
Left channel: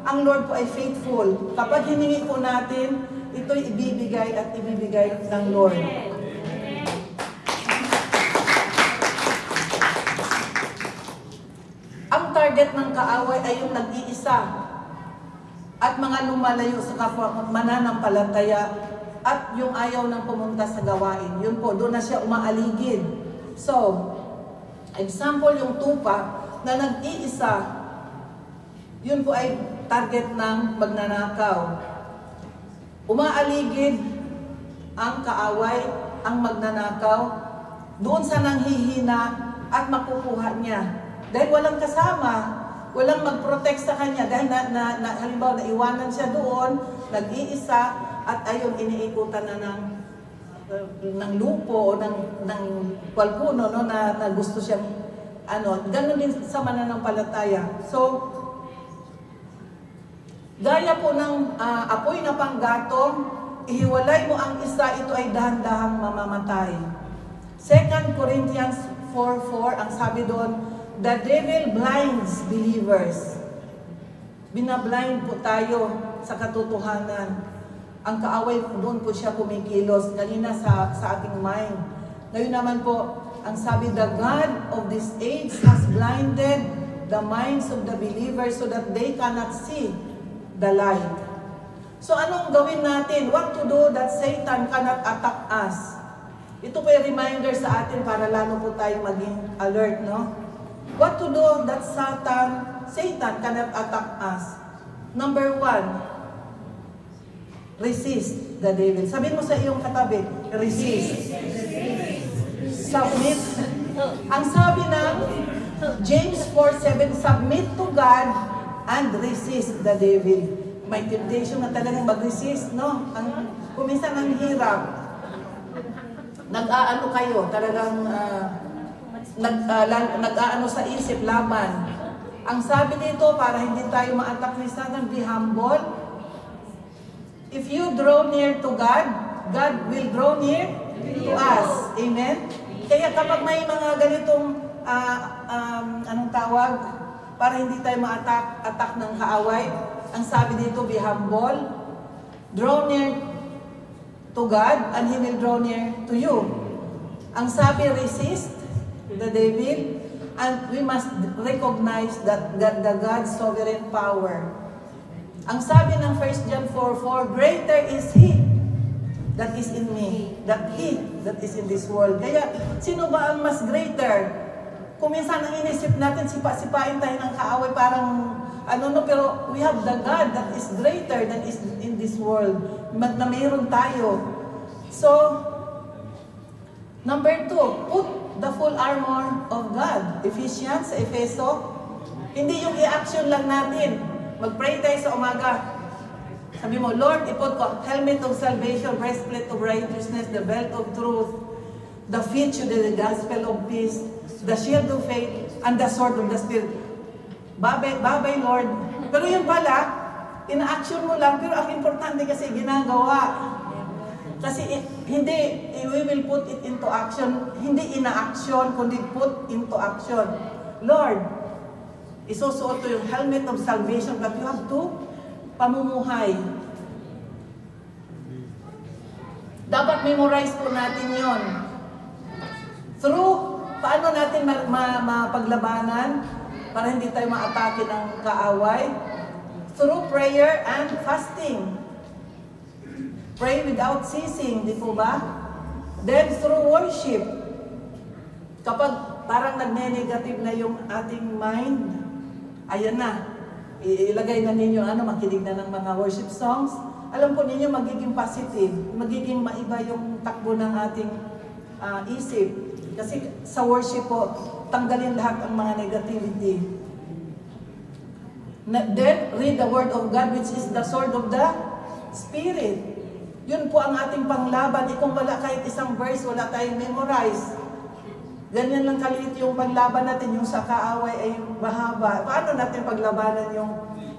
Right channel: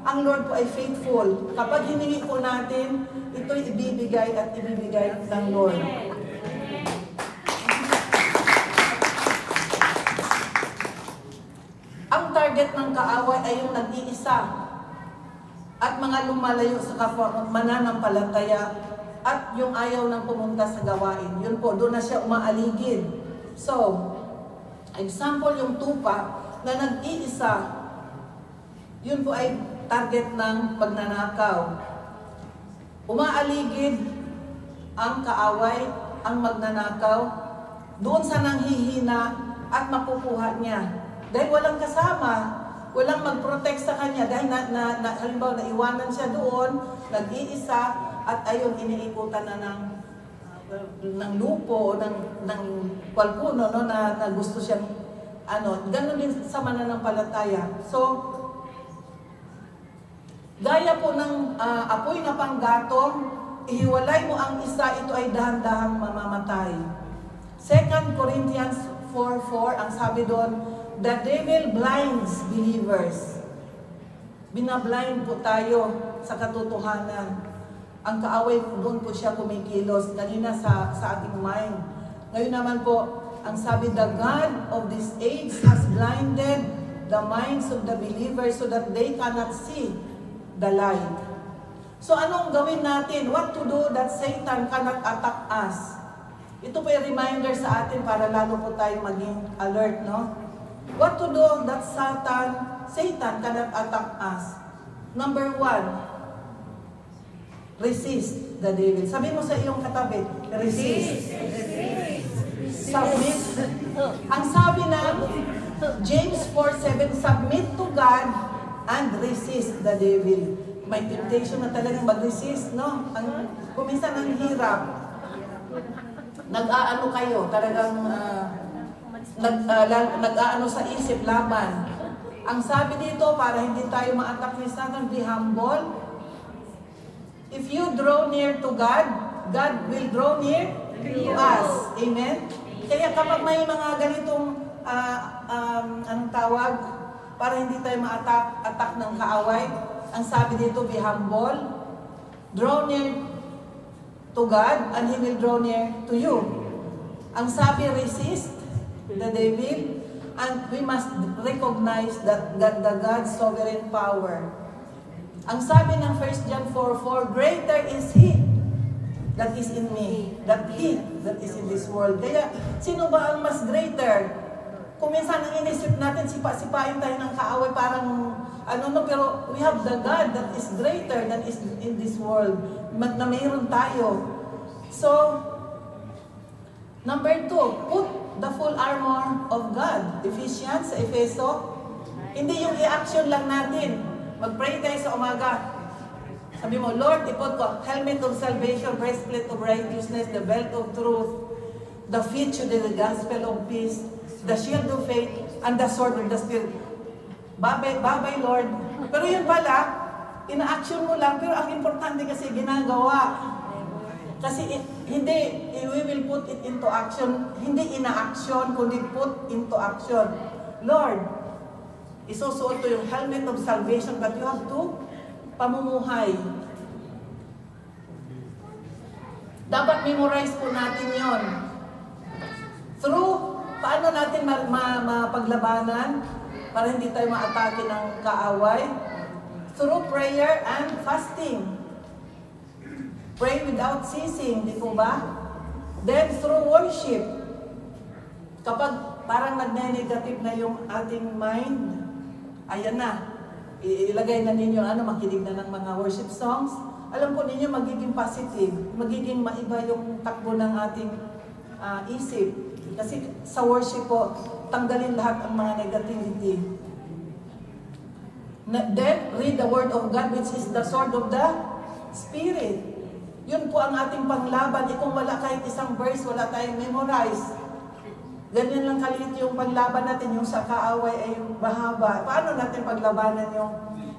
ang Lord po ay faithful. Kapag hiningi po natin, ito'y ibibigay at ibibigay ng Lord. Ang target ng kaaway ay yung nag-iisa at mga lumalayo sa kapwa mananampalataya at yung ayaw ng pumunta sa gawain. Yun po, doon na siya umaaligid. So, example yung tupa na nag-iisa, yun po ay target ng magnanakaw. Umaaligid ang kaaway, ang magnanakaw, doon sa nanghihina at makukuha niya. Dahil walang kasama, walang mag-protect sa kanya. Dahil halimbawa naiwanan siya doon, nag-iisa, at ayun, iniikutan na ng lupo o ng palpuno, no, na gusto siyang, gano'n din sa mananampalataya. So, gaya po ng apoy na panggatong, ihiwalay mo ang isa, ito ay dahan-dahang mamamatay. 2 Corinthians 4:4, ang sabi doon, the devil blinds believers. Binablind po tayo sa katotohanan. Ang kaaway doon po siya kumikilos, kanina sa ating mind. Ngayon naman po, ang sabi, the God of this age has blinded the minds of the believers so that they cannot see the light. So anong gawin natin? What to do that Satan cannot attack us? Ito po yung reminder sa atin para lalo po tayo maging alert, no? What to do that Satan cannot attack us? Number 1, resist the devil. Sabihin mo sa iyong katabi, resist. Submit. Ang sabi ng James 4:7, submit to God and resist the devil. May temptation na talagang mag-resist, no? Kuminsan ang hirap. Nag-aano kayo, talagang nag-aano sa isip, laban. Ang sabi dito, para hindi tayo ma-attack ni Satan, be humble. If you draw near to God, God will draw near to us. Amen? Kaya kapag may mga ganitong, anong tawag, para hindi tayo ma-attack ng kaaway, ang sabi dito, be humble, draw near to God, and He will draw near to you. Ang sabi, resist the devil, and we must recognize that the God's sovereign power. Ang sabi ng 1 John 4:4, greater is He that is in me, than He that is in this world. Kaya, sino ba ang mas greater? Kung minsan ang inisip natin, sipa-sipain tayo ng kaaway, parang pero we have the God that is greater than is in this world, na mayroon tayo. So, number 2, put the full armor of God. Ephesians, sa Efeso, hindi yung i-action lang natin. Mag-pray tayo sa umaga. Sabi mo, Lord, ipot ko, helmet of salvation, breastplate of righteousness, the belt of truth, the feet to the gospel of peace, the shield of faith, and the sword of the Spirit. Babay, Lord. Pero yun pala, ina-action mo lang, pero ang importante kasi ginagawa. Kasi hindi, we will put it into action. Hindi ina-action, kundi put into action. Lord, isusuot ko yung helmet of salvation, but you have to pamumuhay. Dapat memorize po natin yon. Through, paano natin mapaglabanan para hindi tayo maatake ng kaaway? Through prayer and fasting. Pray without ceasing, di po ba? Then through worship. Kapag parang nagne-negative na yung ating mind, ayan na. Ilagay na ninyo, makinig na ng mga worship songs. Alam po ninyo, magiging positive. Magiging maiba yung takbo ng ating isip. Kasi sa worship po, tanggalin lahat ang mga negativity. Then, read the Word of God, which is the sword of the Spirit. Yun po ang ating panglaban. Kung wala kahit isang verse, wala tayong memorize. Ganyan lang kaliit yung panglaban natin, yung sa kaaway ay mahaba. Paano natin paglabanan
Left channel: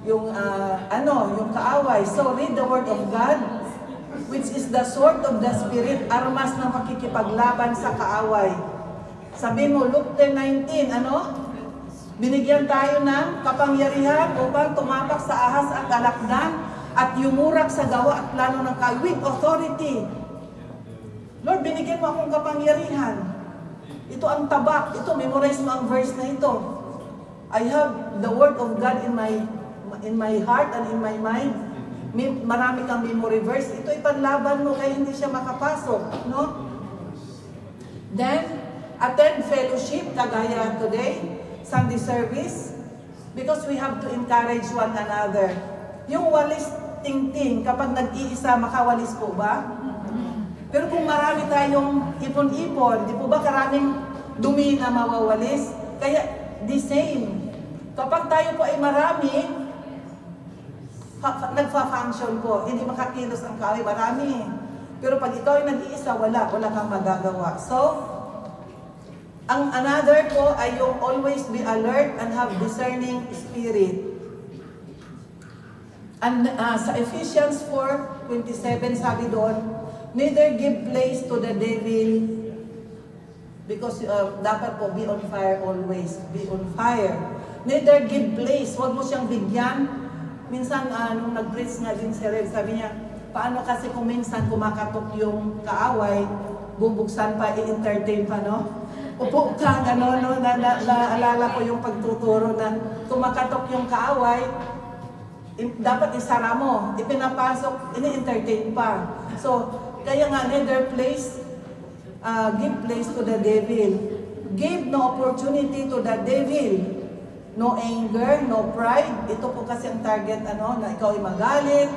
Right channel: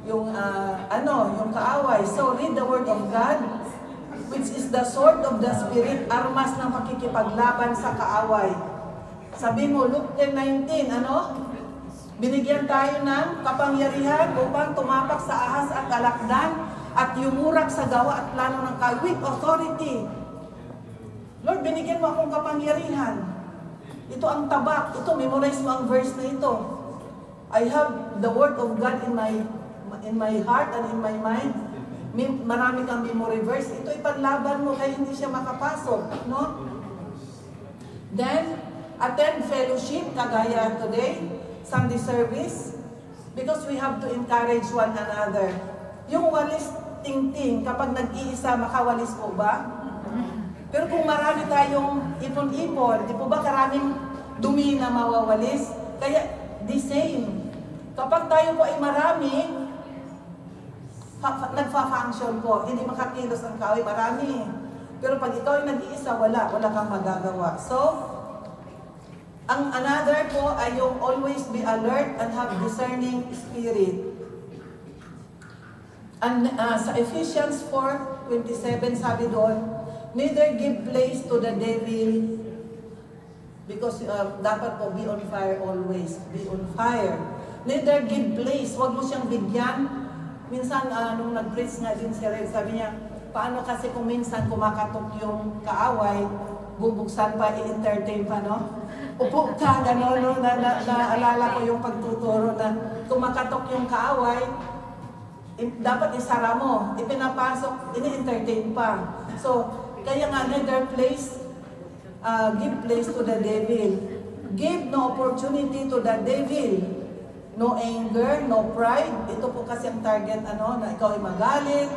yung kaaway? So, read the Word of God, which is the sword of the Spirit, armas ng pakikipaglaban sa kaaway. Sabi mo, Luke 10:19, Binigyan tayo ng kapangyarihan upang tumapak sa ahas at alakdan at yumurag sa gawa at plano ng with authority. Lord, binigyan mo akong kapangyarihan. Ito ang tabak. Ito, memorize mo ang verse na ito. I have the word of God in my heart and in my mind. Marami kang memory verse. Ito ipanlaban mo kaya hindi siya makapasok. No? Then, attend fellowship, kagaya today, Sunday service, because we have to encourage one another. Yung walis ting-ting, kapag nag-iisa, makawalis po ba? Pero kung marami tayong ipon-ipon, di po ba karaming dumi na mawawalis? Kaya, the same. Kapag tayo po ay marami, nagfa-function po. Hindi makakilos ang kahoy, marami. Pero pag ito ay nag-iisa, wala kang magagawa. So, ang another po ay yung always be alert and have discerning spirit. And sa Ephesians 4:27 sabi doon, neither give place to the devil, because dapat po be on fire always. Be on fire. Neither give place. Huwag mo siyang bigyan. Minsan, nung nag-preach nga din si Red, sabi niya, paano kasi kung minsan kumakatok yung kaaway, bubuksan pa, i-entertain pa, no? Upo ka, gano'n, no? Naalala ko yung pagtuturo na kumakatok yung kaaway, dapat isara mo, ipinapasok, ini-entertain pa. So, kaya nga, neither place, give place to the devil. Give no opportunity to the devil. No anger, no pride. Ito po kasi ang target, na ikaw ay magalit,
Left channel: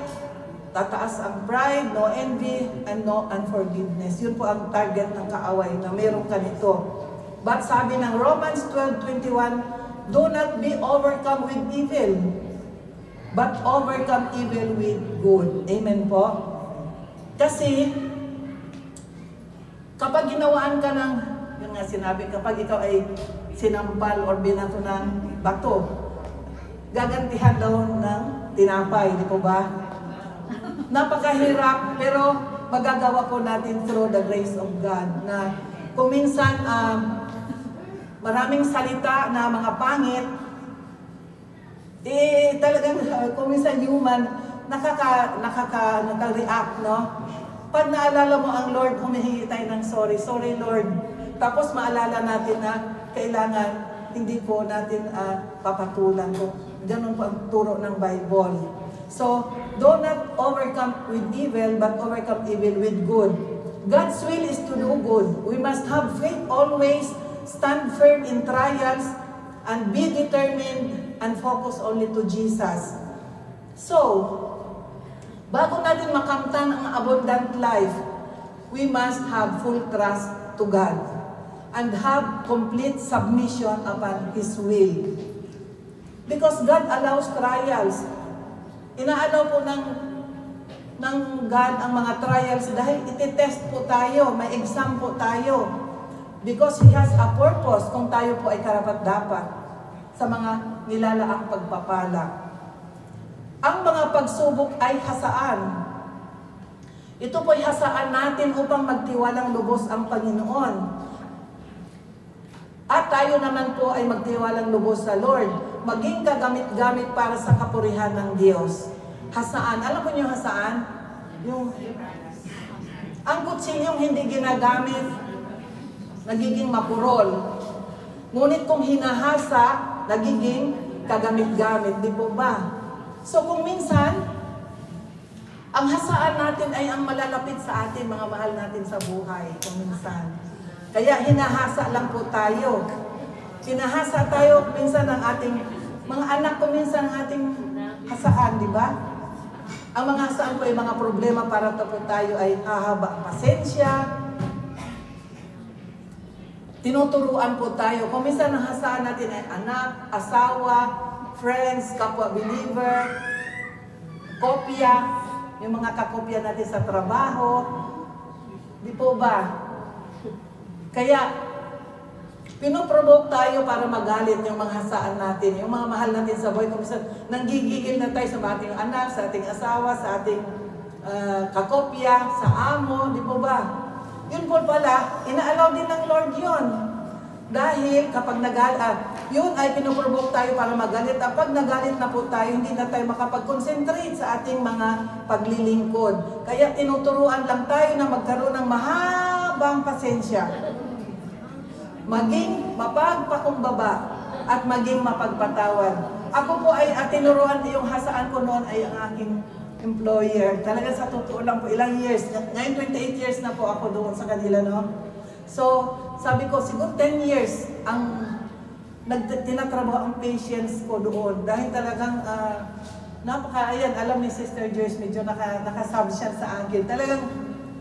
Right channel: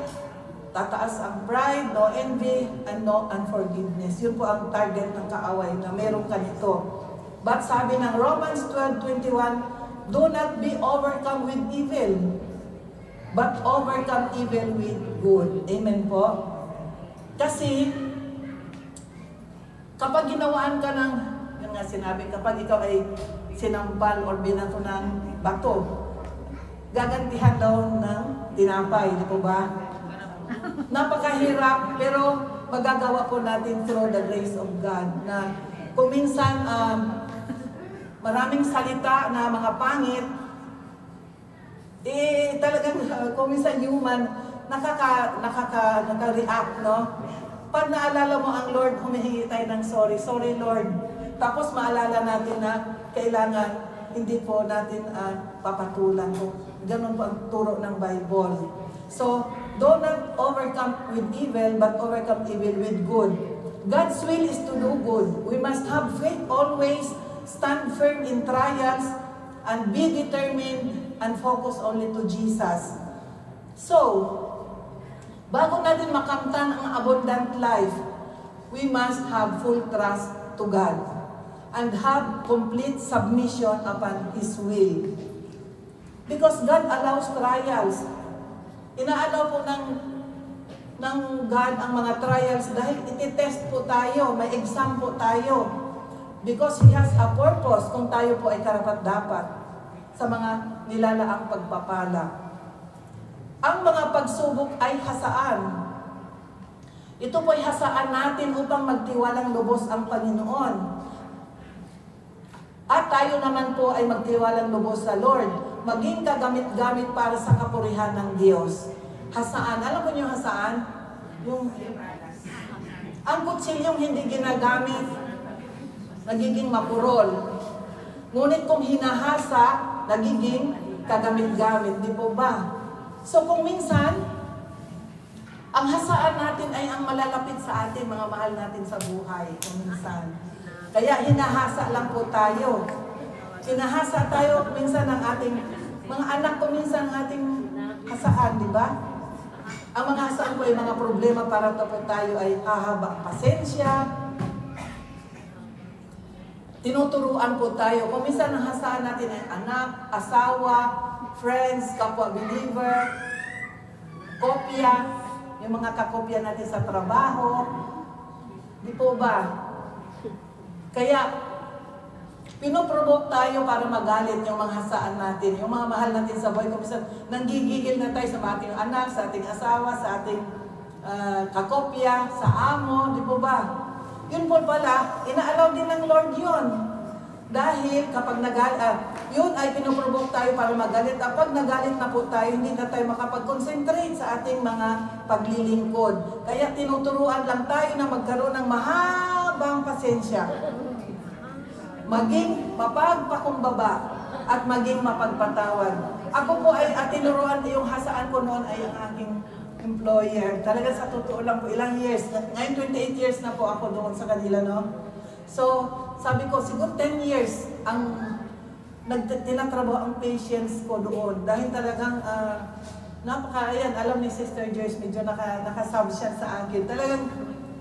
tataas ang pride, no envy, and no unforgiveness. Yun po ang target ng kaaway na meron ka nito. But sabi ng Romans 12:21, do not be overcome with evil, but overcome evil with good. Amen po? Kasi, kapag ginawaan ka ng, yun nga sinabi, kapag ikaw ay sinampal or binato ng bato, gagantihan daw ng tinapay, di po ba? Napakahirap, pero magagawa po natin through the grace of God. Na kung minsan, maraming salita na mga pangit, talagang kung minsan human, nakaka-react, no? Pag naalala mo ang Lord, humihingi tayo ng sorry. Sorry, Lord. Tapos maalala natin na kailangan hindi po natin papatulan po. Ganun po ang turo ng Bible. So, do not overcome with evil, but overcome evil with good. God's will is to do good. We must have faith always, stand firm in trials, and be determined and focus only to Jesus. So, bago natin makamtan ang abundant life, we must have full trust to God and have complete submission upon His will. Because God allows trials. Inaalaw po ng God ang mga trials dahil iti-test po tayo, may exam po tayo. Because He has a purpose kung tayo po ay karapat-dapat sa mga nilalaang pagpapala. Ang mga pagsubok ay hasaan. Ito po ay hasaan natin upang magtiwalang lubos ang Panginoon. At tayo naman po ay magtiwalang lubos sa Lord. Maging kagamit-gamit para sa kapurihan ng Diyos. Hasaan. Alam mo yung hasaan? Ang kutsilyong hindi ginagamit, nagiging mapurol. Ngunit kung hinahasa, nagiging kagamit-gamit. Di po ba? So kung minsan, ang hasaan natin ay ang malalapit sa atin, mga mahal natin sa buhay. Kung minsan. Kaya hinahasa lang po tayo. Hinahasa tayo minsan ng ating mga anak ko, minsan ng ating hasaan, di ba? Ang mga hasaan po ay mga problema para tayo ay hahaba pasensya. Tinuturuan po tayo. Kung minsan ang hasaan natin ay anak, asawa, friends, kapwa believer, kopya, yung mga kakopya natin sa trabaho. Di po ba? Kaya, pinoprovoke tayo para magalit yung mga hasaan natin, yung mga mahal natin sa buhay. Kung minsan, nanggigigil na tayo sa ating anak, sa ating asawa, sa ating kakopya, sa amo, di po ba? Yun po pala, inaalaw din ng Lord yun. Dahil kapag yun ay pinuprovoke tayo para magalit. At pag nagalit na po tayo, hindi na tayo makapag-concentrate sa ating mga paglilingkod. Kaya tinuturuan lang tayo na magkaroon ng mahabang pasensya. Maging mapagpakumbaba at maging mapagpatawad. Ako po ay tinuruan, yung hasaan ko noon ay ang aking employer. Talaga sa totoo lang po, ilang years. Ngayon 28 years na po ako doon sa kanila, no? So, sabi ko, siguro 10 years ang tinatrabaho ang patience ko doon. Dahil talagang, ayan, alam ni Sister Joyce, medyo nakasub siya sa akin. Talagang,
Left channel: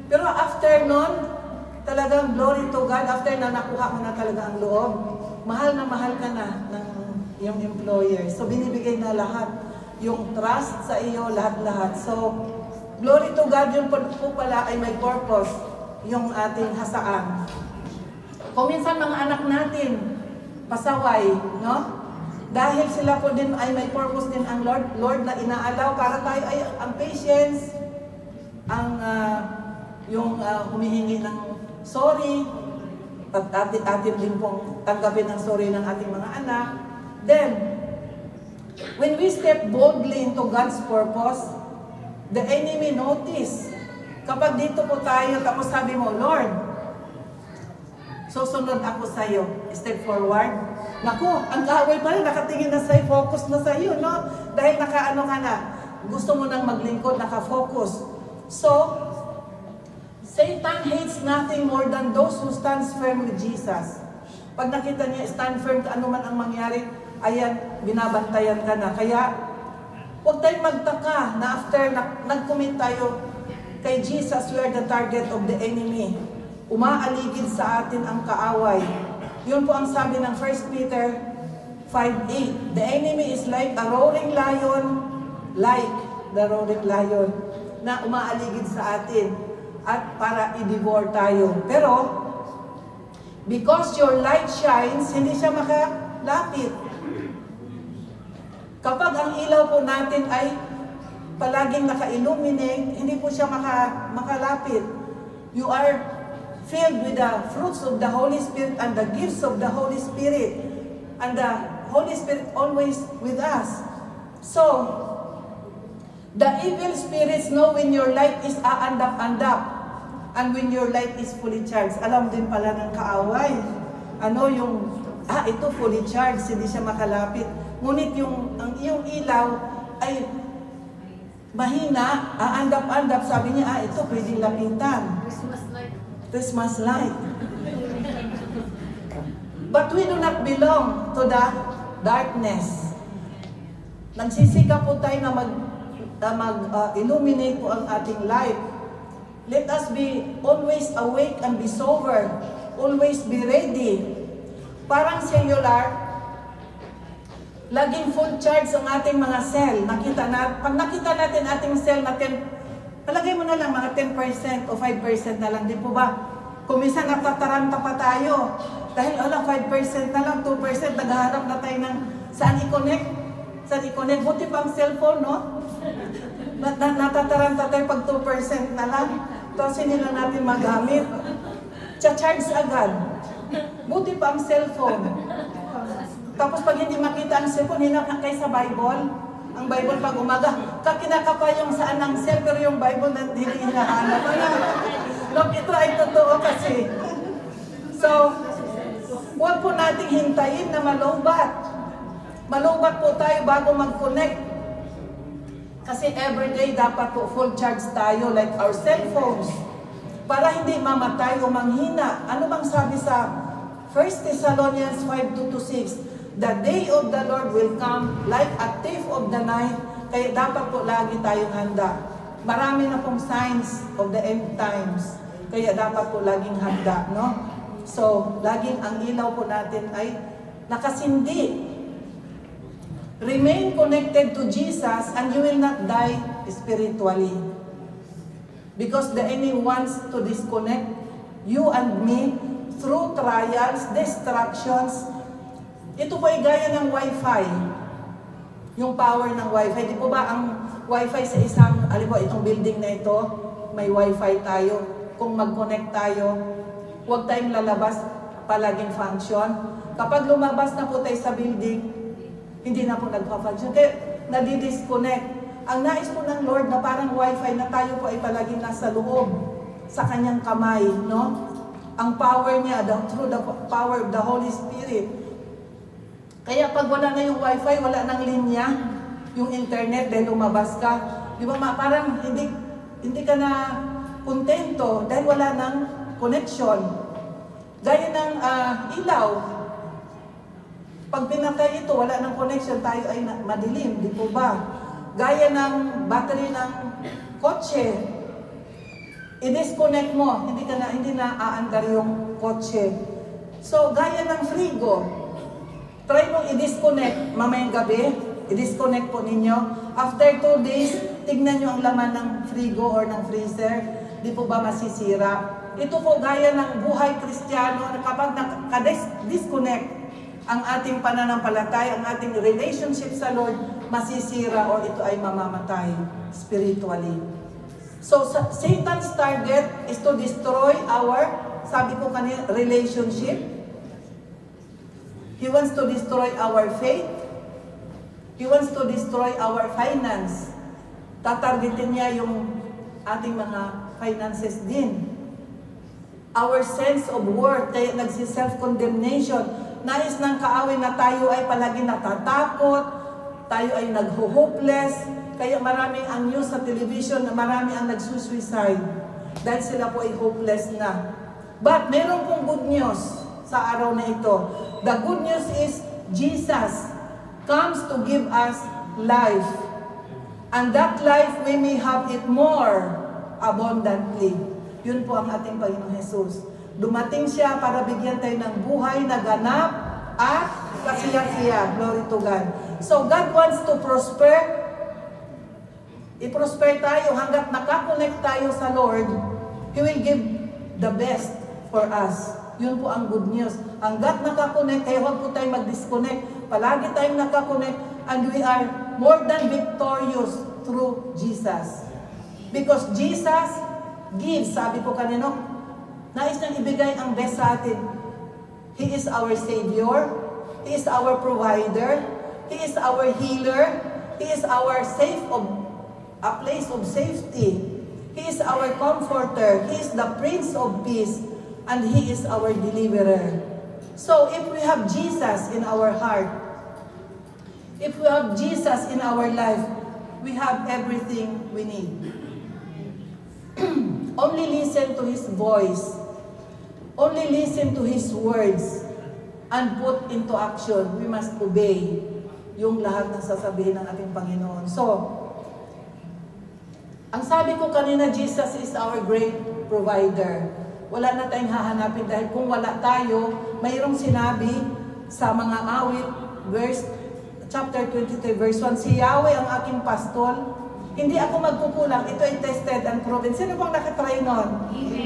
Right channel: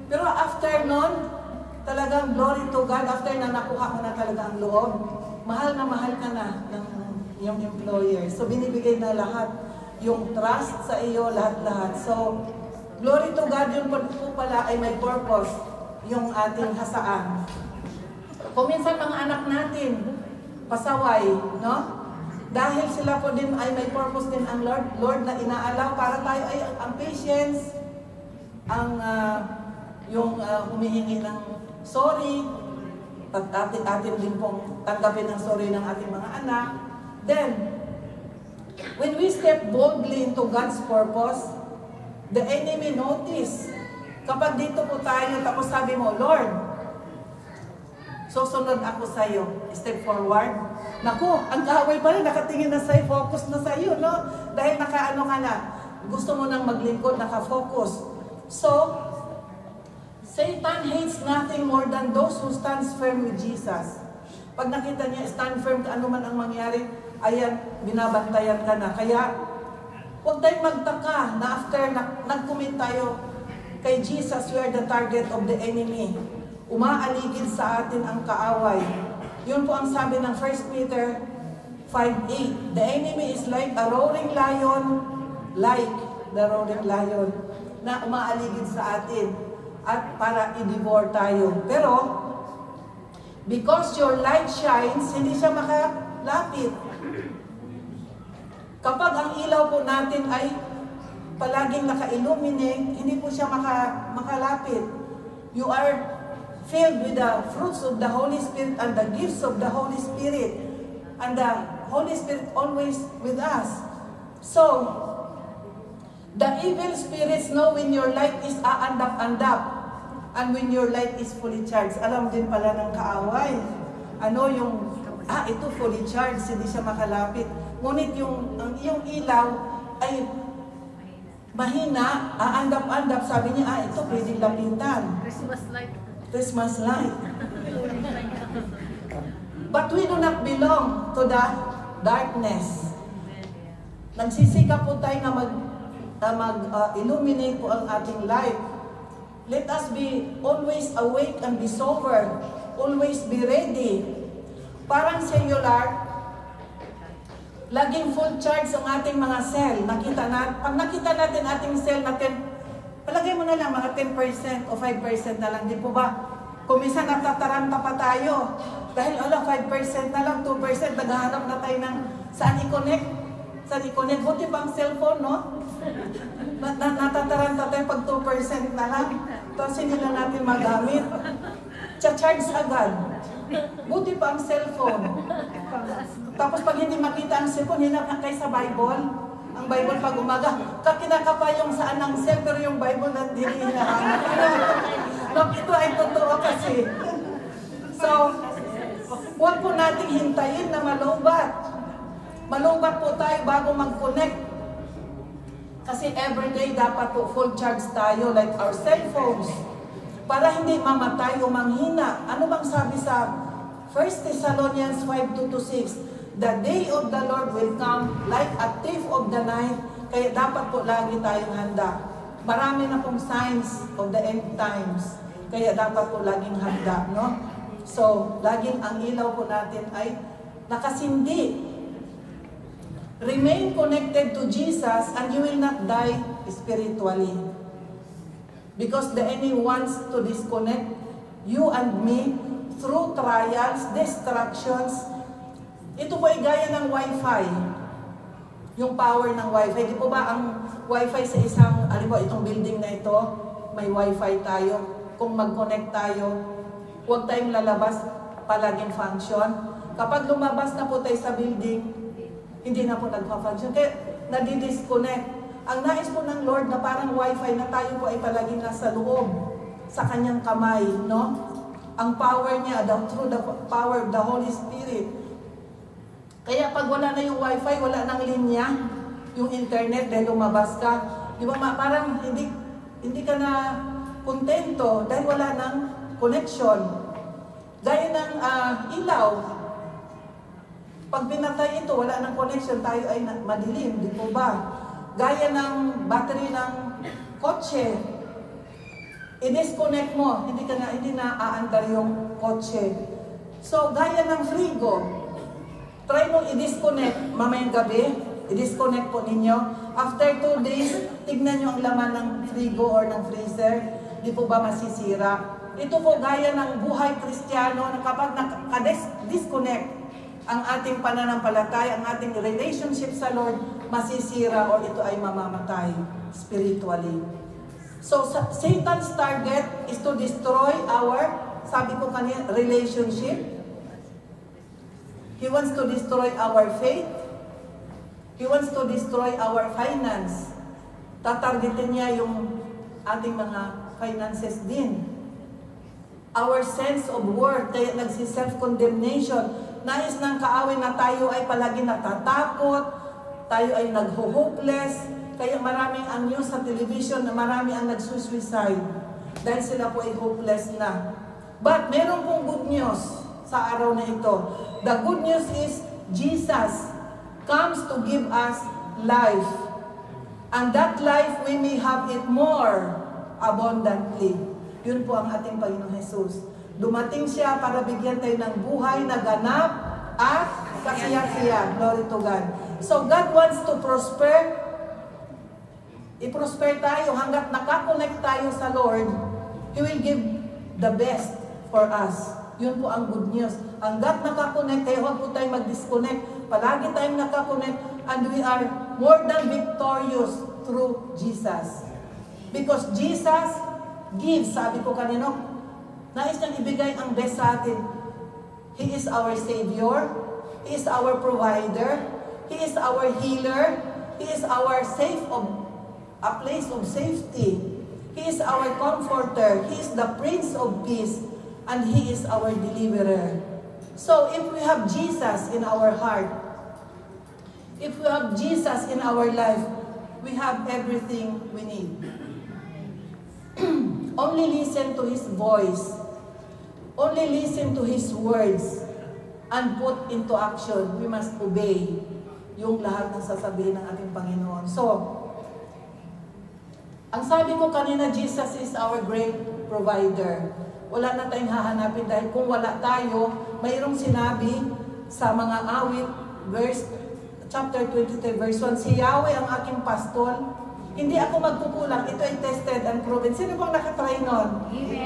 pero after nun, talagang glory to God, after na nakuha ko na talaga ang loob, mahal ka na ng yung employer. So, binibigay na lahat. Yung trust sa iyo, lahat-lahat. So, glory to God, yun po pala ay may purpose, yung ating hasaan. Kung minsan mga anak natin, pasaway, no? Dahil sila po din ay may purpose din ang Lord na inaalaw para tayo ay ang patience, ang humihingi ng sorry, at atin din pong tanggapin ang sorry ng ating mga anak. Then, when we step boldly into God's purpose, the enemy notice. Kapag dito po tayo, tapos sabi mo, Lord, susunod ako sa iyo. Step forward. Naku, ang kaaway pala, nakatingin na sa'yo, focus na sa'yo, no? Dahil nakaano ka na, gusto mo nang maglingkod, nakafocus. So, Satan hates nothing more than those who stands firm with Jesus. Pag nakita niya, stand firm ka, ano man ang mangyari, ayan, binabantayan ka na. Kaya, huwag tayong magtaka na after nag-commit tayo kay Jesus, we are the target of the enemy. Umaaligid sa atin ang kaaway. Yun po ang sabi ng 1 Peter 5:8. The enemy is like the roaring lion, na umaaligid sa atin at para i-devour tayo. Pero, because your light shines, hindi siya makalapit. Kapag ang ilaw po natin ay palaging naka-illuminate, hindi po siya makalapit. You are filled with the fruits of the Holy Spirit and the gifts of the Holy Spirit. And the Holy Spirit always with us. So, the evil spirits know when your light is aandap-andap and when your light is fully charged. Alam din pala ng kaaway. Ano yung, ito fully charged, hindi siya makalapit. Ngunit yung iyong ilaw ay mahina, aandap-andap, sabi niya, ito pwedeng lapitan. Christmas light. But we do not belong to the darkness. Nagsisikap po tayo na mag-illuminate po ang ating life. Let us be always awake and be sober. Always be ready. Parang cellular, laging full charge ang ating mga cell. Pag nakita natin ating cell natin, palagay mo na lang mga 10% o 5% na lang, di po ba? Kung minsan natataranta pa tayo, dahil 5% na lang, 2%, naghahanap na tayo ng saan i-connect. Buti pa ang cellphone, no? Natataranta tayo pag 2% na lang, tapos hindi na natin magamit. Charge agad. Buti pa ang cellphone. Tapos pag hindi makita ang cellphone, hinap na kayo sa Bible. Ang Bible pag umaga, kakinaka pa yung saan ng cell, pero yung Bible na hindi hinahanap. Ito ay totoo kasi. So, huwag po nating hintayin na malubat. Malubat po tayo bago mag-connect. Kasi everyday dapat po full charge tayo like our cell phones. Para hindi mamatay o manghina. Ano bang sabi sa 1 Thessalonians 5:2-6? The day of the Lord will come like a thief of the night. Kaya dapat po lagi tayong handa. Marami na pong signs of the end times. Kaya dapat po laging handa, no? So, laging ang ilaw po natin ay nakasindi. Remain connected to Jesus and you will not die spiritually. Because the enemy wants to disconnect you and me through trials, distractions. Ito po ay gaya ng Wi-Fi. Yung power ng Wi-Fi. Di po ba ang Wi-Fi sa isang, itong building na ito, may Wi-Fi tayo. Kung mag-connect tayo, huwag tayong lalabas. palaging function. Kapag lumabas na po tayo sa building, hindi na po nagpa-function. Kaya nadidisconnect. Ang nais po ng Lord na parang wifi na tayo po ay palaging nasa loob sa kanyang kamay, no? Ang power niya, through the power of the Holy Spirit. Kaya pag wala na yung wifi, wala nang linya, yung internet, dahil lumabas ka, di ba parang hindi ka na kontento dahil wala nang connection. Gaya ng ilaw. Pag pinatay ito, wala nang connection, tayo ay madilim, di po ba? Gaya ng battery ng kotse. I-disconnect mo, hindi na aandar yung kotse. So, gaya ng frigo. Try mong i-disconnect mamayang gabi. I-disconnect po ninyo. After 2 days, tignan nyo ang laman ng frigo or ng freezer. Di po ba masisira? Ito po gaya ng buhay Kristiyano na kapag disconnect ang ating pananampalataya, ang ating relationship sa Lord, masisira o ito ay mamamatay spiritually. So, Satan's target is to destroy our, sabi ko kanina, relationship. He wants to destroy our faith. He wants to destroy our finance. Tatargetin niya yung ating mga finances din. Our sense of worth, kaya nagsi-self-condemnation. Nais ng kaawin na tayo ay palagi natatakot, tayo ay nag-hopeless. Kaya maraming ang news sa television na marami ang nagsusuicide dahil sila po ay hopeless na. But meron pong good news sa araw na ito. The good news is Jesus comes to give us life. And that life we may have it more abundantly. Yun po ang ating Panginoon Jesus. Dumating siya para bigyan tayo ng buhay na ganap at kasiya-siya. Glory to God. So God wants to prosper. I-prosper tayo hanggat nakakonect tayo sa Lord. He will give the best for us. Yun po ang good news. Hanggat nakakonect, kaya huwag po tayo mag-disconnect. Palagi tayong nakakonect and we are more than victorious through Jesus. Because Jesus gives, sabi ko kanino, nais niyang ibigay ang best sa atin. He is our Savior. He is our provider. He is our healer. He is our a place of safety. He is our comforter. He is the Prince of Peace. And He is our deliverer. So if we have Jesus in our heart, if we have Jesus in our life, we have everything we need. Only listen to His voice. Only listen to His words. And put into action. We must obey yung lahat ng sasabihin ng ating Panginoon. So, ang sabi ko kanina, Jesus is our great provider. Wala na tayong hahanapin dahil kung wala tayo, mayroong sinabi sa mga awit, chapter 23, verse 1, si Yahweh ang aking pastol, hindi ako magkukulang, ito ay tested and proven. Sino bang nakatry nun?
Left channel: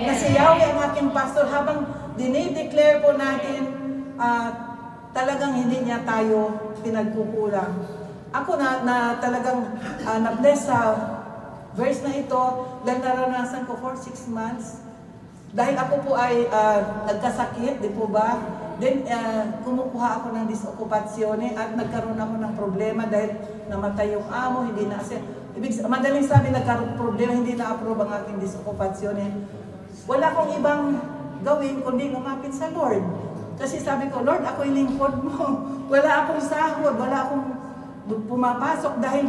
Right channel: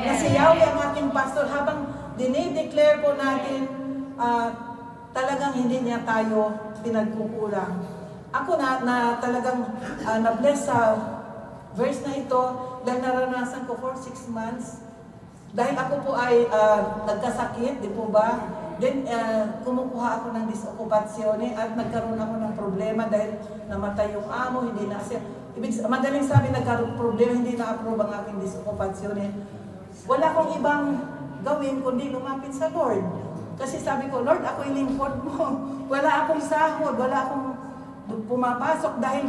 Na si Yahweh ang aking pastol, habang dinideclare po natin, talagang hindi niya tayo pinagkukulang. Ako na talagang na-bless sa verse na ito, dahil naranasan ko for 6 months. Dahil ako po ay nagkasakit, di po ba? Then, kumukuha ako ng disokupasyone at nagkaroon ako ng problema dahil namatay yung amo, hindi na siya. Madaling sabi, nagkaroon problema, hindi na-approve ang aking disokupasyone. Wala akong ibang gawin kundi lumapit sa Lord. Kasi sabi ko, Lord, ako'y lingkod mo. Wala akong sahod, wala akong pumapasok dahil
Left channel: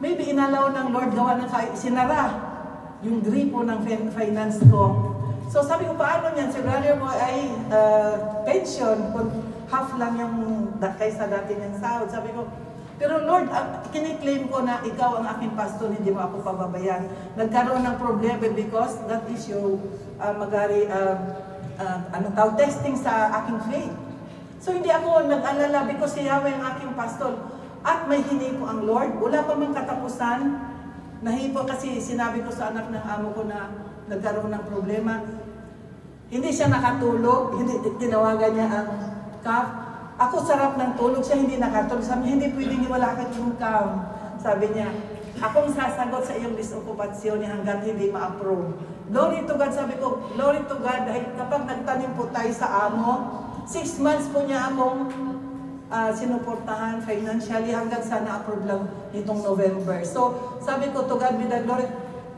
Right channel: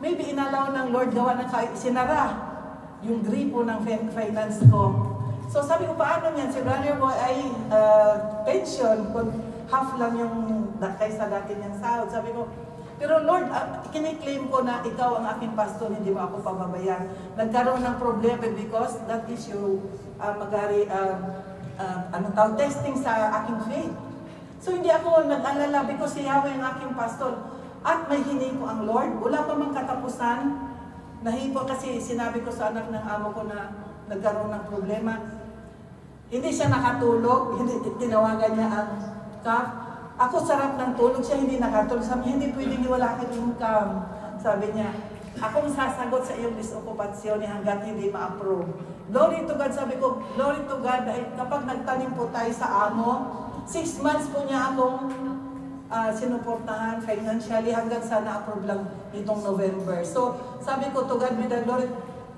maybe inalaw ng Lord gawa ng sinara yung gripo ng finance ko. So sabi ko, paano yan? Si brother mo ay pension, half lang yung kaysa dati niyang sahod. Sabi ko, pero Lord, kiniklaim ko na ikaw ang aking pastor, hindi mo ako pababayan. Nagkaroon ng problema because that issue testing sa aking faith. So hindi ako nag-alala because si Yahweh ang aking pastor. At may hinay ko ang Lord. Wala pa mang katapusan. Nahipo kasi sinabi ko sa anak ng amo ko na nagkaroon ng problema. Hindi siya nakatulog. Hindi tinawagan niya ang CAF. Ako sarap ng tulog siya, hindi nakatulog. Sabi niya, hindi pwedeng wala kang income. Sabi niya, akong sasagot sa iyong disokupasyon hanggang hindi ma-approve. Glory to God, sabi ko, glory to God, dahil kapag nagtanim po tayo sa amo, 6 months po niya akong sinuportahan financially hanggang sana approve lang itong November. So, sabi ko, to God be the glory.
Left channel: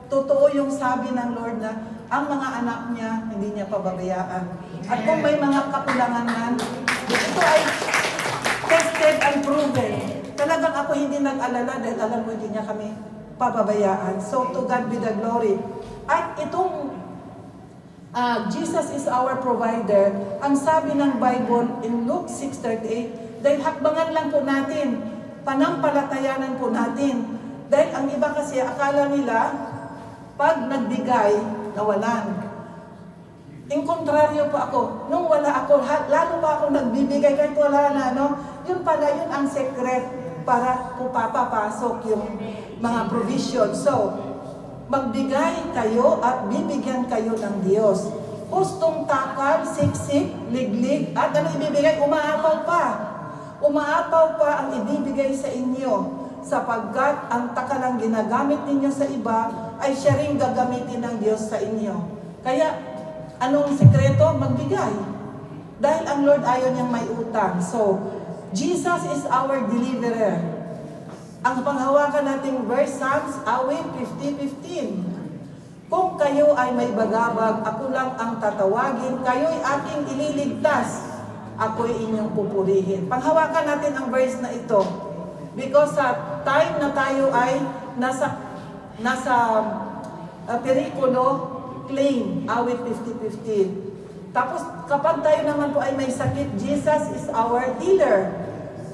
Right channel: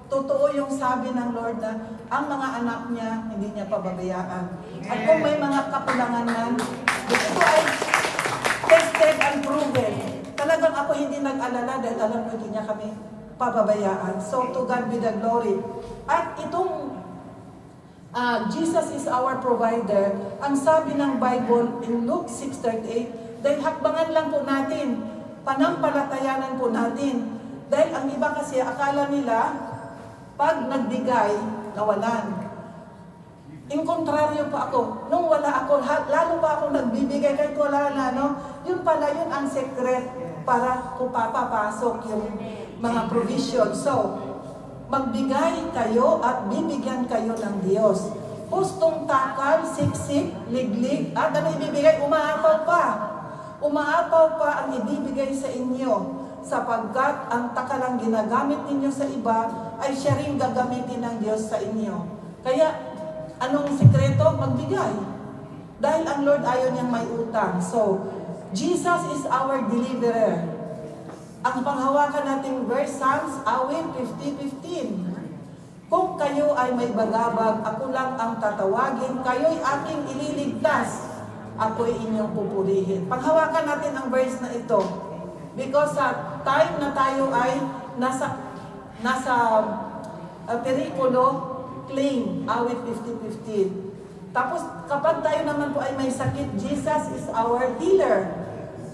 Totoo yung sabi ng Lord na ang mga anak niya, hindi niya pababayaan. At kung may mga kakulangan na, ito ay tested and proven. Talagang ako hindi nag-alala dahil alam ko hindi niya kami pababayaan. So, to God be the glory. At itong Jesus is our provider. Ang sabi ng Bible in Luke 6:38, dahil hakbangan lang po natin, panampalatayanan po natin. Dahil ang iba kasi akala nila, pag nagbigay, nawalan. In kontraryo po ako, nung wala ako, lalo pa ako nagbibigay kahit wala na, no? Yun pala, yun ang secret para po papapasok yung mga provision. So, magbigay kayo at bibigyan kayo ng Diyos. Hustong takal, siksik, liglig, at ano ibibigay? Umaapaw pa. Umaapaw pa ang ibibigay sa inyo, sapagkat ang takalang ginagamit ninyo sa iba ay siya rin gagamitin ng Diyos sa inyo. Kaya, anong sekreto? Magbigay. Dahil ang Lord ayaw niyang may utang. So, Jesus is our deliverer. Ang panghawakan nating verse, Psalms, awit 50:15. Kung kayo ay may bagabag, ako lang ang tatawagin, kayo'y aking ililigtas, ako'y inyong pupurihin. Panghawakan natin ang verse na ito. Because sa time na tayo ay nasa perikulo, claim, awit 50:15. Tapos kapag tayo naman po ay may sakit, Jesus is our healer.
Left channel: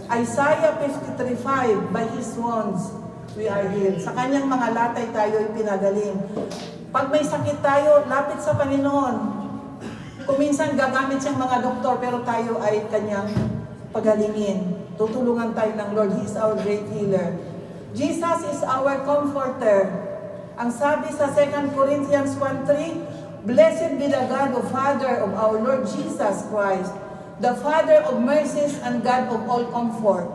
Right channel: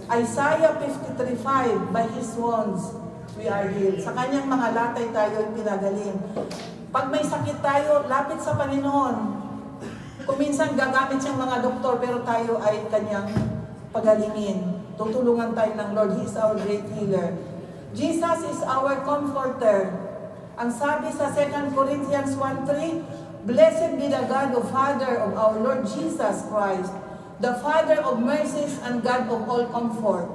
Isaiah 53:5, by His wounds we are healed. Sa kanyang mga latay tayo ay pinagaling. Pag may sakit tayo, lapit sa Panginoon. Kung minsan gagamit siyang mga doktor, pero tayo ay kanyang pagalingin. Tutulungan tayo ng Lord. He is our great healer. Jesus is our comforter. Ang sabi sa 2 Corinthians 1:3, Blessed be the God of Father of our Lord Jesus Christ, the Father of mercies and God of all comfort.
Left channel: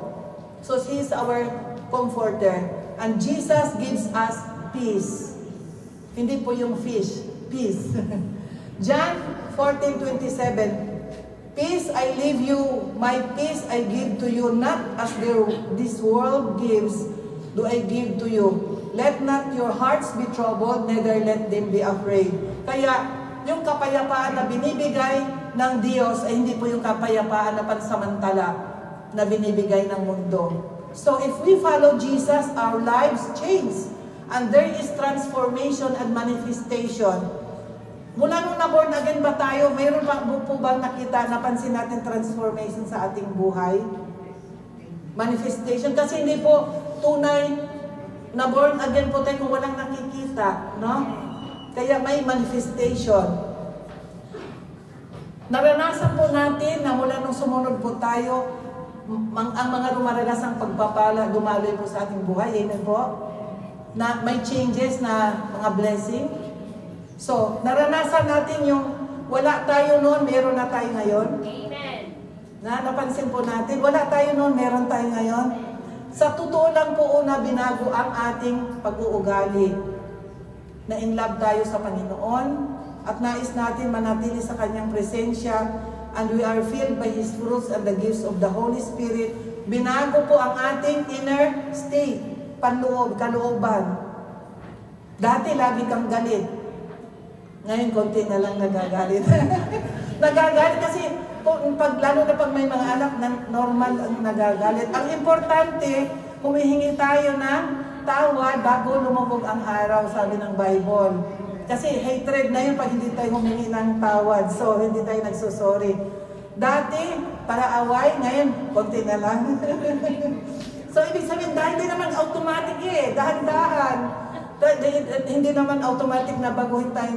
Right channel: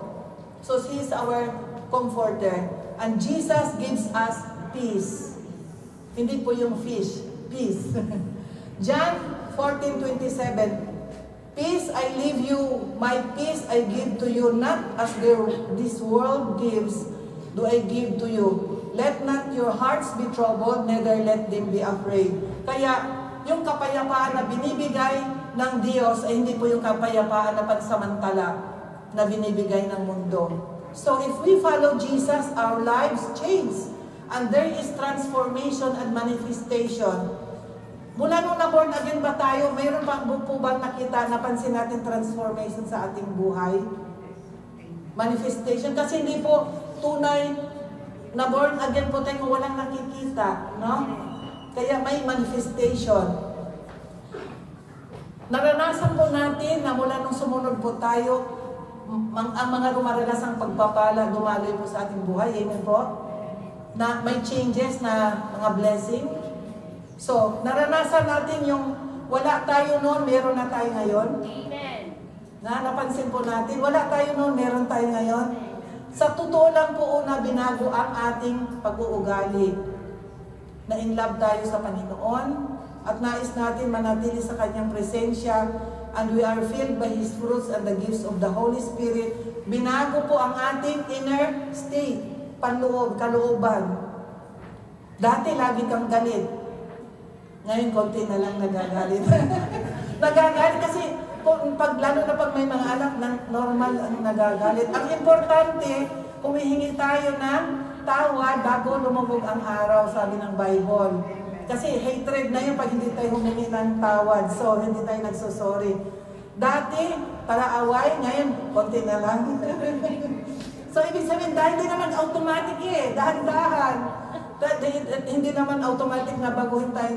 So He is our comforter. And Jesus gives us peace. Hindi po yung fish, peace. John 14:27, Peace I leave you, my peace I give to you, not as this world gives, do I give to you. Let not your hearts be troubled, neither let them be afraid. Kaya, yung kapayapaan na binibigay ng Diyos ay hindi po yung kapayapaan na pansamantala na binibigay ng mundo. So, if we follow Jesus, our lives change. And there is transformation and manifestation. Mula nung na-born again ba tayo, mayroon pa po bang nakita, napansin natin transformation sa ating buhay? Manifestation. Kasi hindi po tunay na born again po tayo kung walang nakikita, no? Kaya may manifestation. Naranasan po natin na mula nung sumunod po tayo, ang mga rumaranasan pagpapala, dumaloy po sa ating buhay. Amen po? Na may changes na mga blessing. So, naranasan natin yung wala tayo noon, meron na tayo ngayon. Amen. Napansin po natin, wala tayo noon, meron tayo ngayon. Sa totoo lang po una, binago ang ating pag-uugali. Na in love tayo sa Panginoon at nais natin manatili sa Kanyang presensya, and we are filled by His fruits and the gifts of the Holy Spirit. Binago po ang ating inner state, panloob, kalooban. Dati lagi kang galit. Ngayon, konti na lang nagagalit. Nagagalit kasi, lalo na pag may mga anak, normal ang nagagalit. Ang importante, humihingi tayo ng tawad bago lumubog ang araw, sabi ng Bible. Kasi hatred na yun pag hindi tayo humingi ng tawad. So, hindi tayo nagsusorry. Dati, para away, ngayon, konti na lang. So, ibig sabihin, dahil hindi naman automatic dahan-dahan. Hindi naman automatic na baguhin tayo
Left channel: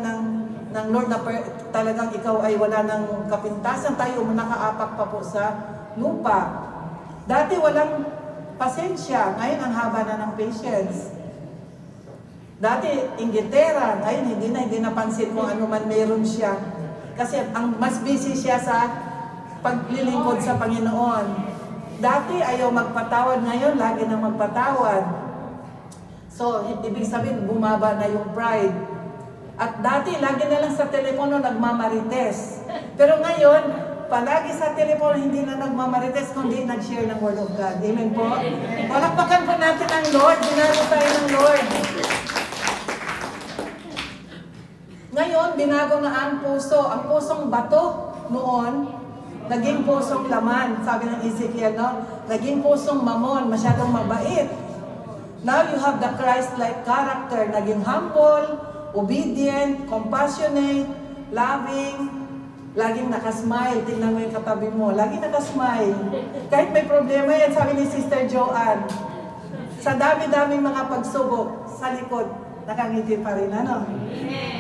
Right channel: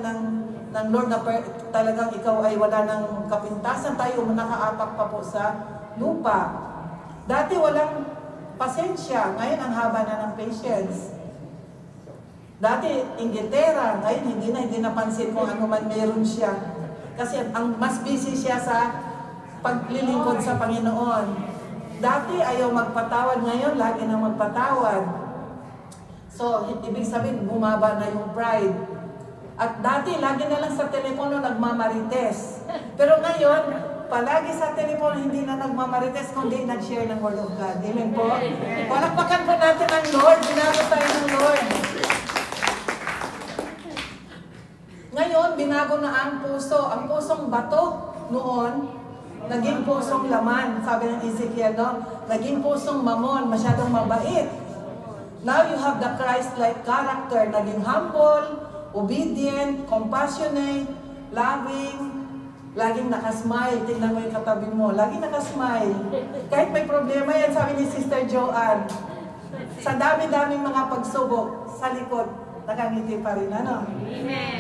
ng Lord na talagang ikaw ay wala ng kapintasan, tayo nakaapak pa po sa lupa. Dati walang pasensya, ngayon ang haba na ng patience. Dati inggitera, ngayon hindi napansin mo ano man meron siya. Kasi ang mas busy siya sa paglilingkod sa Panginoon. Dati ayaw magpatawad, ngayon lagi na magpatawad. So, ibig sabihin, bumaba na yung pride. At dati, lagi na lang sa telepono nagmamarites. Pero ngayon, palagi sa telepono hindi na nagmamarites, kundi nag-share ng Word of God. Amen po? Palakpakan po natin ang Lord. Binago tayo ng Lord. Ngayon, binago na ang puso. Ang pusong bato noon, naging pusong laman. Sabi ng Ezekiel, no? Naging pusong mamon, masyadong mabait. Now you have the Christ-like character, naging humble, obedient, compassionate, loving, laging nakasmile. Tingnan mo yung katabi mo, laging nakasmile. Kahit may problema yan, sabi ni Sister Joanne, sa dami-daming mga pagsubok, sa likod, nakangiti pa rin, ano?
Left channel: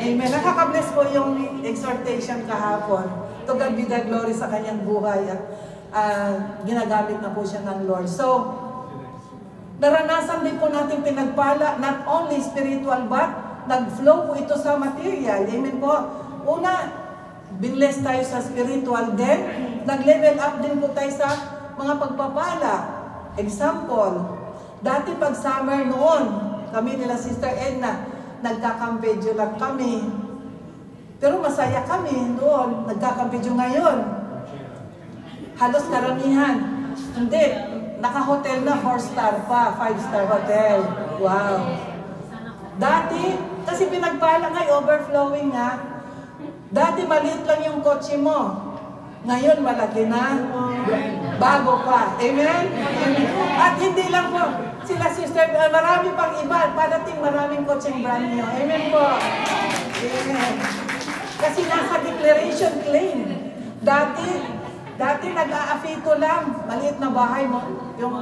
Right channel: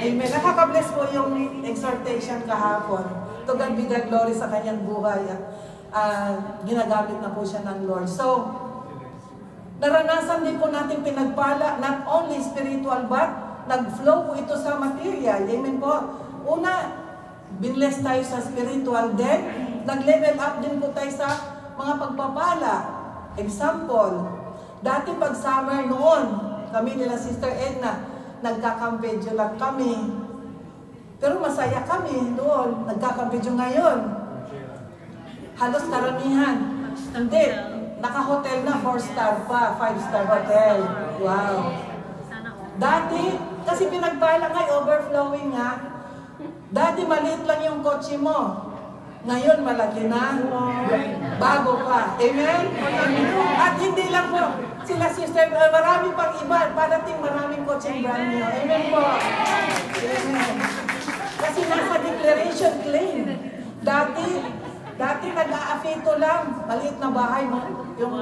Amen. Nakaka-bless po yung exhortation kahapon. To God be the glory sa kanyang buhay. Ginagamit na po siya ng Lord. So, naranasan din po natin pinagpala, not only spiritual, but nag-flow po ito sa material. Amen po. Una, binless tayo sa spiritual, then nag-level up din po tayo sa mga pagpapala. Example, dati pag summer noon, kami nila Sister Edna, nagkakampedyo lang kami. Pero masaya kami doon, nagkakampedyo ngayon. Halos karamihan. Hindi, naka-hotel na, 4-star pa, 5-star hotel. Wow. Dati, kasi pinagpala nga, overflowing nga. Dati maliit lang yung kotse mo. Ngayon malaki na. Bago pa. Amen? At hindi lang po, sila sister, marami pang iba. Parating maraming kotseng brand new. Amen po. Amen. Kasi nasa declaration claim. Dati nag-aafito lang. Maliit na bahay mo. Yung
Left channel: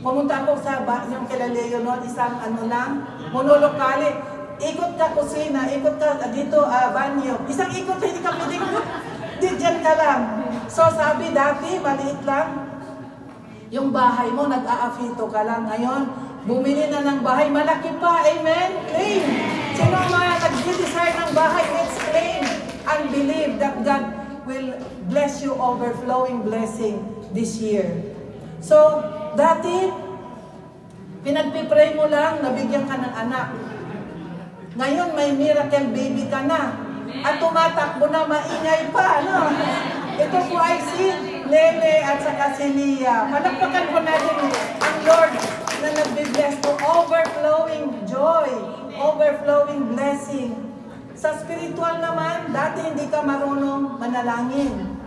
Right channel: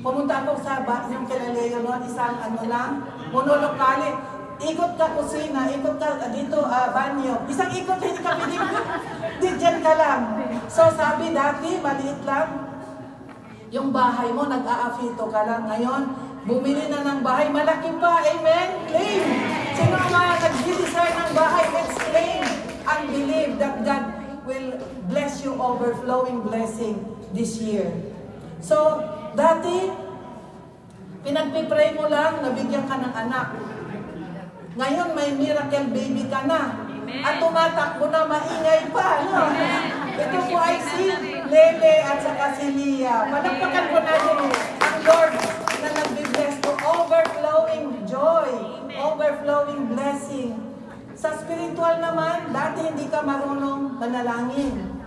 pumunta ako sa yung kila Leo noon, isang ano lang, monolokali. Ikot ka kusina, ikot ka dito, banyo. Isang ikot, hindi ka pwedeng di dyan ka lang. So sabi dati, maliit lang. Yung bahay mo, nag-aafito ka lang. Ngayon, bumili na ng bahay, malaki pa. Amen? Claim. Sino man nag-desire ng bahay, let's claim and believe that God will bless you, overflowing blessing this year. So, dati, pinagpipray mo lang, nabigyan ka ng anak. Ngayon, may miracle baby ka na. At tumatakbo na, maingay pa, no? Ito po ay si Lele at saka si Lia. Palakpakan po natin ang Lord na nagbe-bless po. Overflowing joy, overflowing blessing. Sa spiritual naman, dati hindi ka marunong manalangin.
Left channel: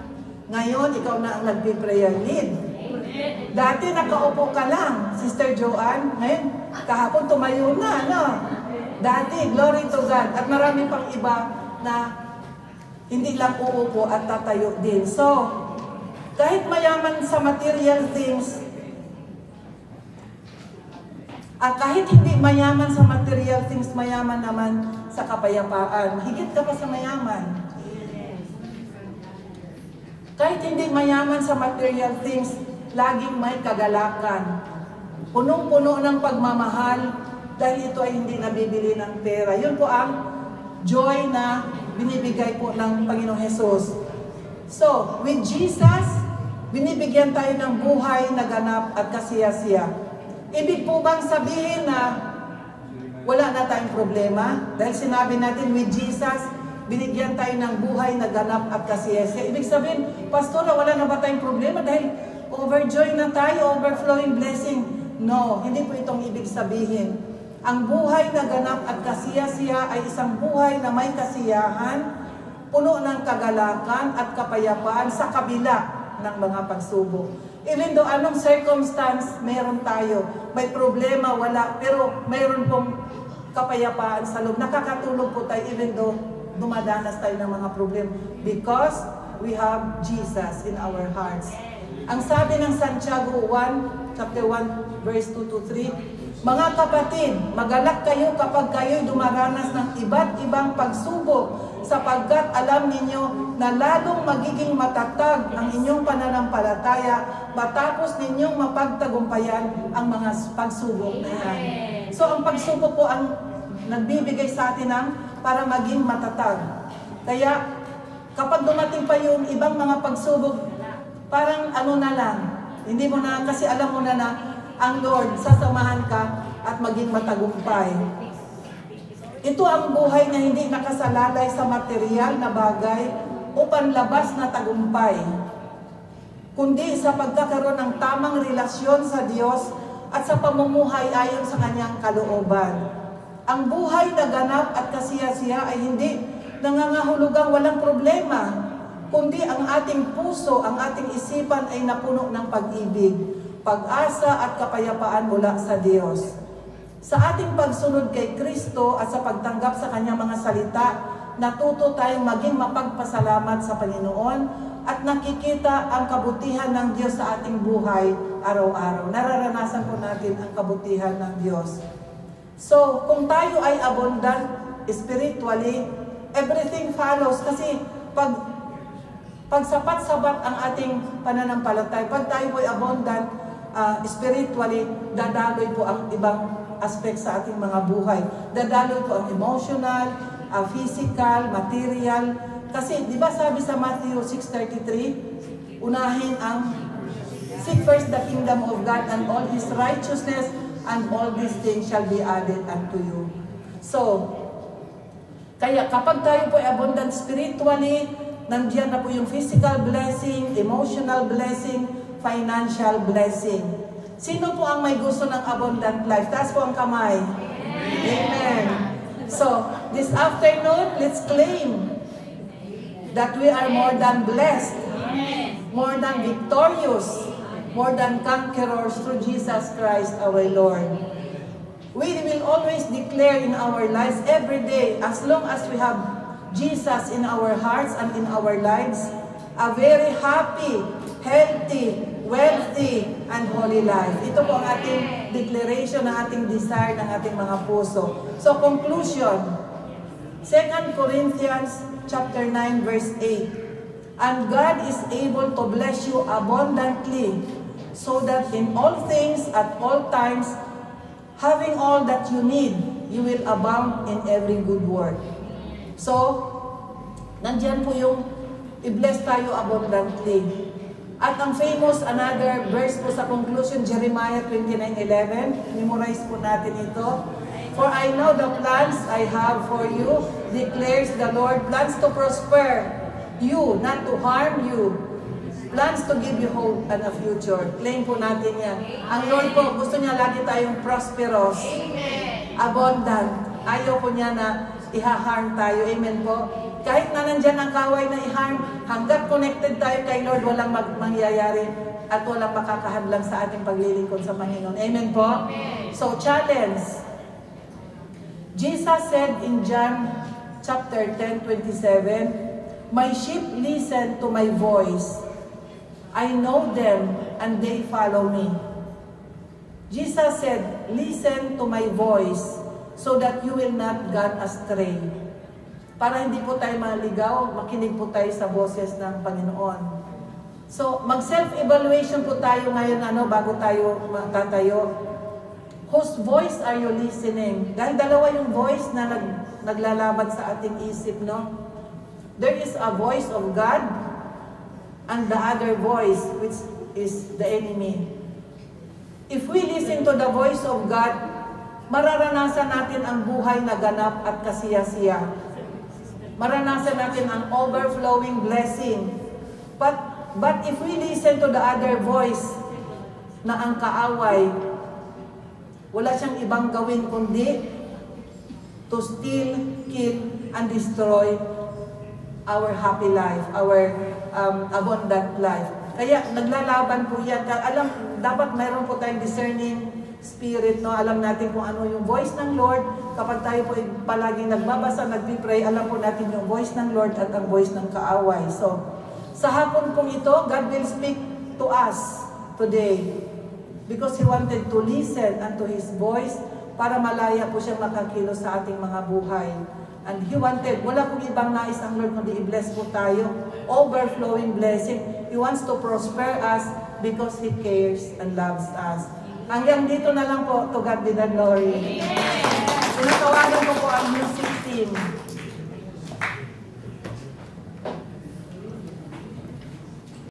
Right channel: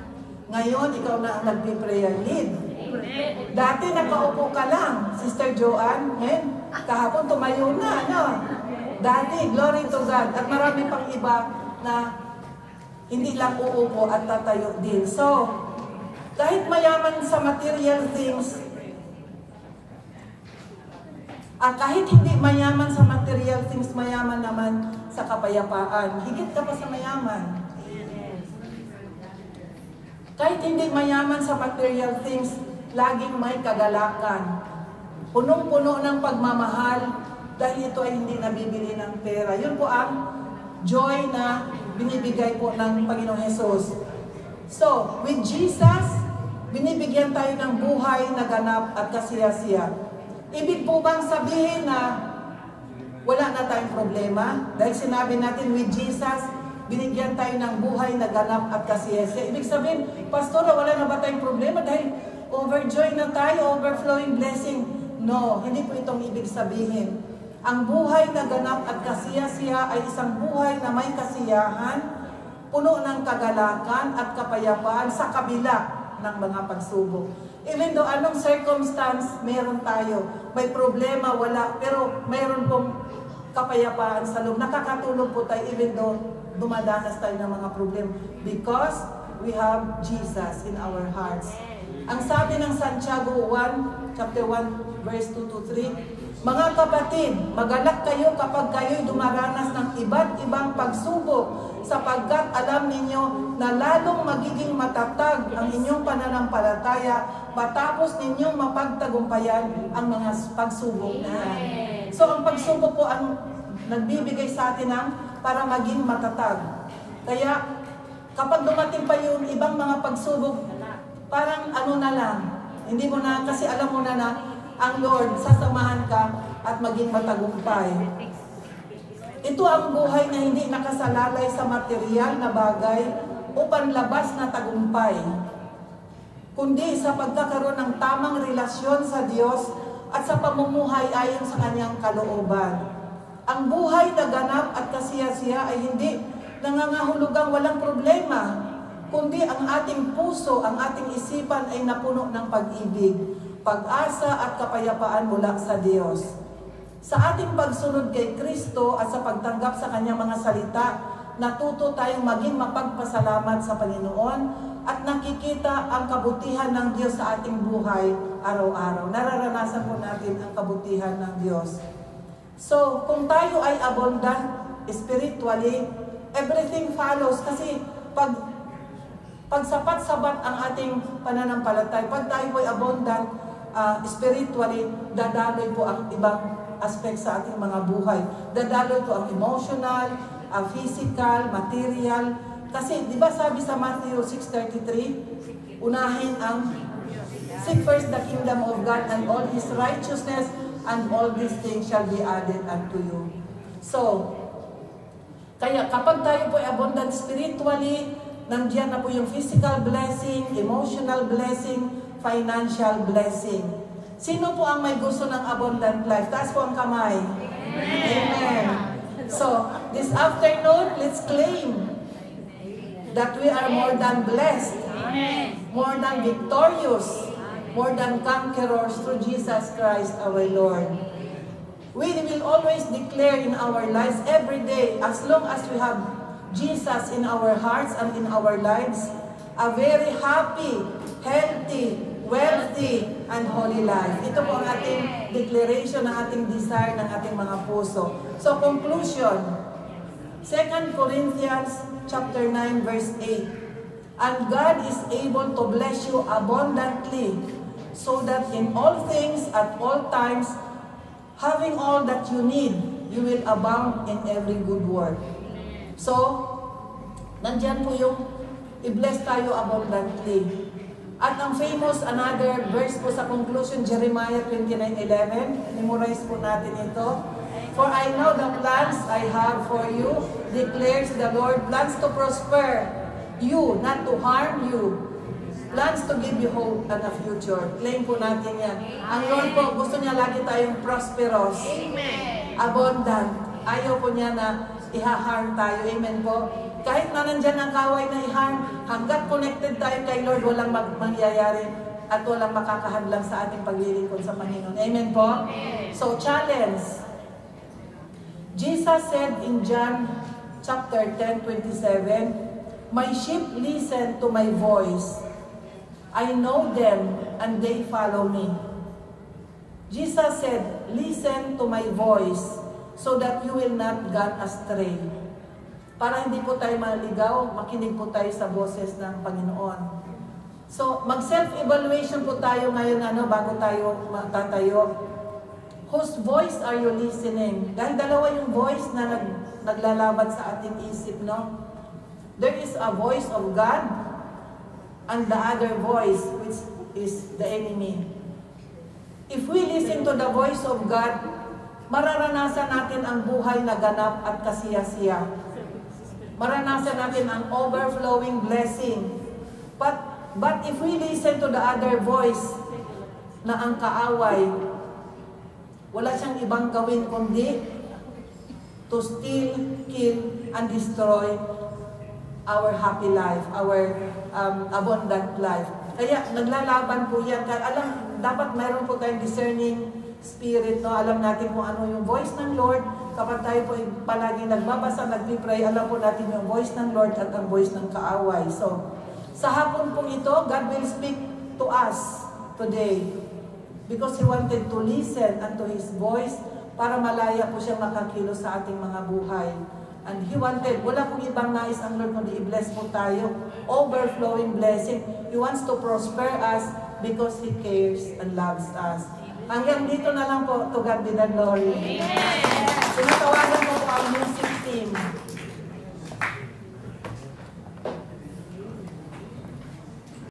Ngayon, ikaw na ang nagbe-prayer lead. Dati nakaupo ka lang, Sister Joanne. Ngayon, kahapon tumayo na, no? Dati, glory to God. At marami pang iba na hindi lang uupo at tatayo din. So, kahit mayaman sa material things, at kahit hindi mayaman sa material things, mayaman naman sa kapayapaan. Higit ka pa sa mayaman. Kahit hindi mayaman sa material things, laging may kagalakan. Punong-puno ng pagmamahal dahil ito ay hindi nabibili ng pera. Yun po ang joy na binibigay po ng Panginoong Jesus. So, with Jesus, binibigyan tayo ng buhay na ganap at kasiya-siya. Ibig po bang sabihin na wala na tayong problema? Dahil sinabi natin, with Jesus, binigyan tayo ng buhay na ganap at kasiyese. Ibig sabihin, Pastora, wala na ba tayong problema dahil overjoy na tayo, overflowing blessing? No, hindi po itong ibig sabihin. Ang buhay na ganap at kasiyasiya ay isang buhay na may kasiyahan, puno ng kagalakan at kapayapaan sa kabila ng mga pagsubok. Even though anong circumstance meron tayo, may problema, wala, pero mayroon pong kapayapaan sa loob. Nakakatulog po tayo even though dumadanas tayo ng mga problema because we have Jesus in our hearts. Ang sabi ng Santiago 1, chapter 1, verse 2 to 3, mga kapatid, magalak kayo kapag kayo'y dumaranas ng iba't ibang pagsubok sapagkat alam ninyo na lalong magiging matatag ang inyong pananampalataya matapos ninyong mapagtagumpayan ang mga pagsubok na yan. So ang pagsubok po ang nagbibigay sa atin ng para maging matatag. Kaya kapag dumating pa yung ibang mga pagsubok, parang ano na lang, hindi mo na, kasi alam mo na ang Lord, sasamahan ka at maging matagumpay. Ito ang buhay na hindi nakasalalay sa material na bagay o panlabas na tagumpay, kundi sa pagkakaroon ng tamang relasyon sa Diyos at sa pamumuhay ayon sa Kanyang kalooban. Ang buhay na ganap at kasiya-siya ay hindi nangangahulugang walang problema, kundi ang ating puso, ang ating isipan ay napuno ng pag-ibig, pag-asa at kapayapaan mula sa Diyos. Sa ating pagsunod kay Kristo at sa pagtanggap sa Kanyang mga salita, natuto tayong maging mapagpasalamat sa Panginoon at nakikita ang kabutihan ng Diyos sa ating buhay araw-araw. Nararanasan po natin ang kabutihan ng Diyos. So, kung tayo ay abundant spiritually, everything follows. Kasi pag sapat-sapat ang ating pananampalatay, pag tayo po ay abundant spiritually, dadaloy po ang ibang aspect sa ating mga buhay. Dadaloy po ang emotional, physical, material. Kasi, di ba sabi sa Matthew 6:33, unahin ang seek first the kingdom of God and all His righteousness, and all these things shall be added unto you. So, kaya kapag tayo po ay abundant spiritually, nandiyan na po yung physical blessing, emotional blessing, financial blessing. Sino po ang may gusto ng abundant life? Taas po ang kamay. Amen. So, this afternoon, let's claim that we are more than blessed, more than victorious, more than conquerors through Jesus Christ our Lord. We will always declare in our lives every day, as long as we have Jesus in our hearts and in our lives, a very happy, healthy, wealthy, and holy life. Ito po ang ating declaration, ng ating desire, ng ating mga puso. So, conclusion, 2 Corinthians chapter 9, verse 8. And God is able to bless you abundantly, so that in all things, at all times, having all that you need, you will abound in every good work. So, nandyan po yung i-bless tayo abundantly. At ang famous, another verse po sa conclusion, Jeremiah 29:11. Memorize po natin ito. For I know the plans I have for you, declares the Lord, plans to prosper you, not to harm you, plans to give you hope and a future. Claim po natin yan. Ang Lord po, gusto niya lagi tayong prosperous, abundant. Ayaw po niya na iha-harm tayo. Amen po. Kahit na nandyan ang kaway na i-harm, hanggat connected tayo kay Lord, walang mangyayari at walang makakahadlang sa ating paglilingkod sa Panginoon. Amen po. So, challenge. Jesus said in John chapter 10:27, my sheep listen to my voice. I know them and they follow me. Jesus said, listen to my voice so that you will not go astray. Para hindi po tayo maligaw, makinig po tayo sa boses ng Panginoon. So, mag-self-evaluation po tayo ngayon bago tayo magtatayo. Whose voice are you listening? Dahil dalawa yung voice na naglalaban sa ating isip, no? There is a voice of God and the other voice, which is the enemy. If we listen to the voice of God, mararanasan natin ang buhay na ganap at kasiya-siya. Maranasan natin ang overflowing blessing. But if we listen to the other voice, na ang kaaway, wala siyang ibang gawin kundi to steal, kill, and destroy our happy life, our abundant life. Kaya naglalaban po yan. Dapat mayroon po tayong discerning spirit, no? Alam natin kung ano yung voice ng Lord. Kapag tayo po palagi nagbabasa, nagpipray, alam po natin yung voice ng Lord at ang voice ng kaaway. So, sa hapon pong ito, God will speak to us today because He wanted to listen unto His voice para malaya po siya makakilos sa ating mga buhay. And He wanted, wala pong ibang nais ang Lord kundi i-bless po tayo, overflowing blessing. He wants to prosper us because He cares and loves us. Hanggang dito na lang po, to God be the glory. Tinatawagan ko po ang music team.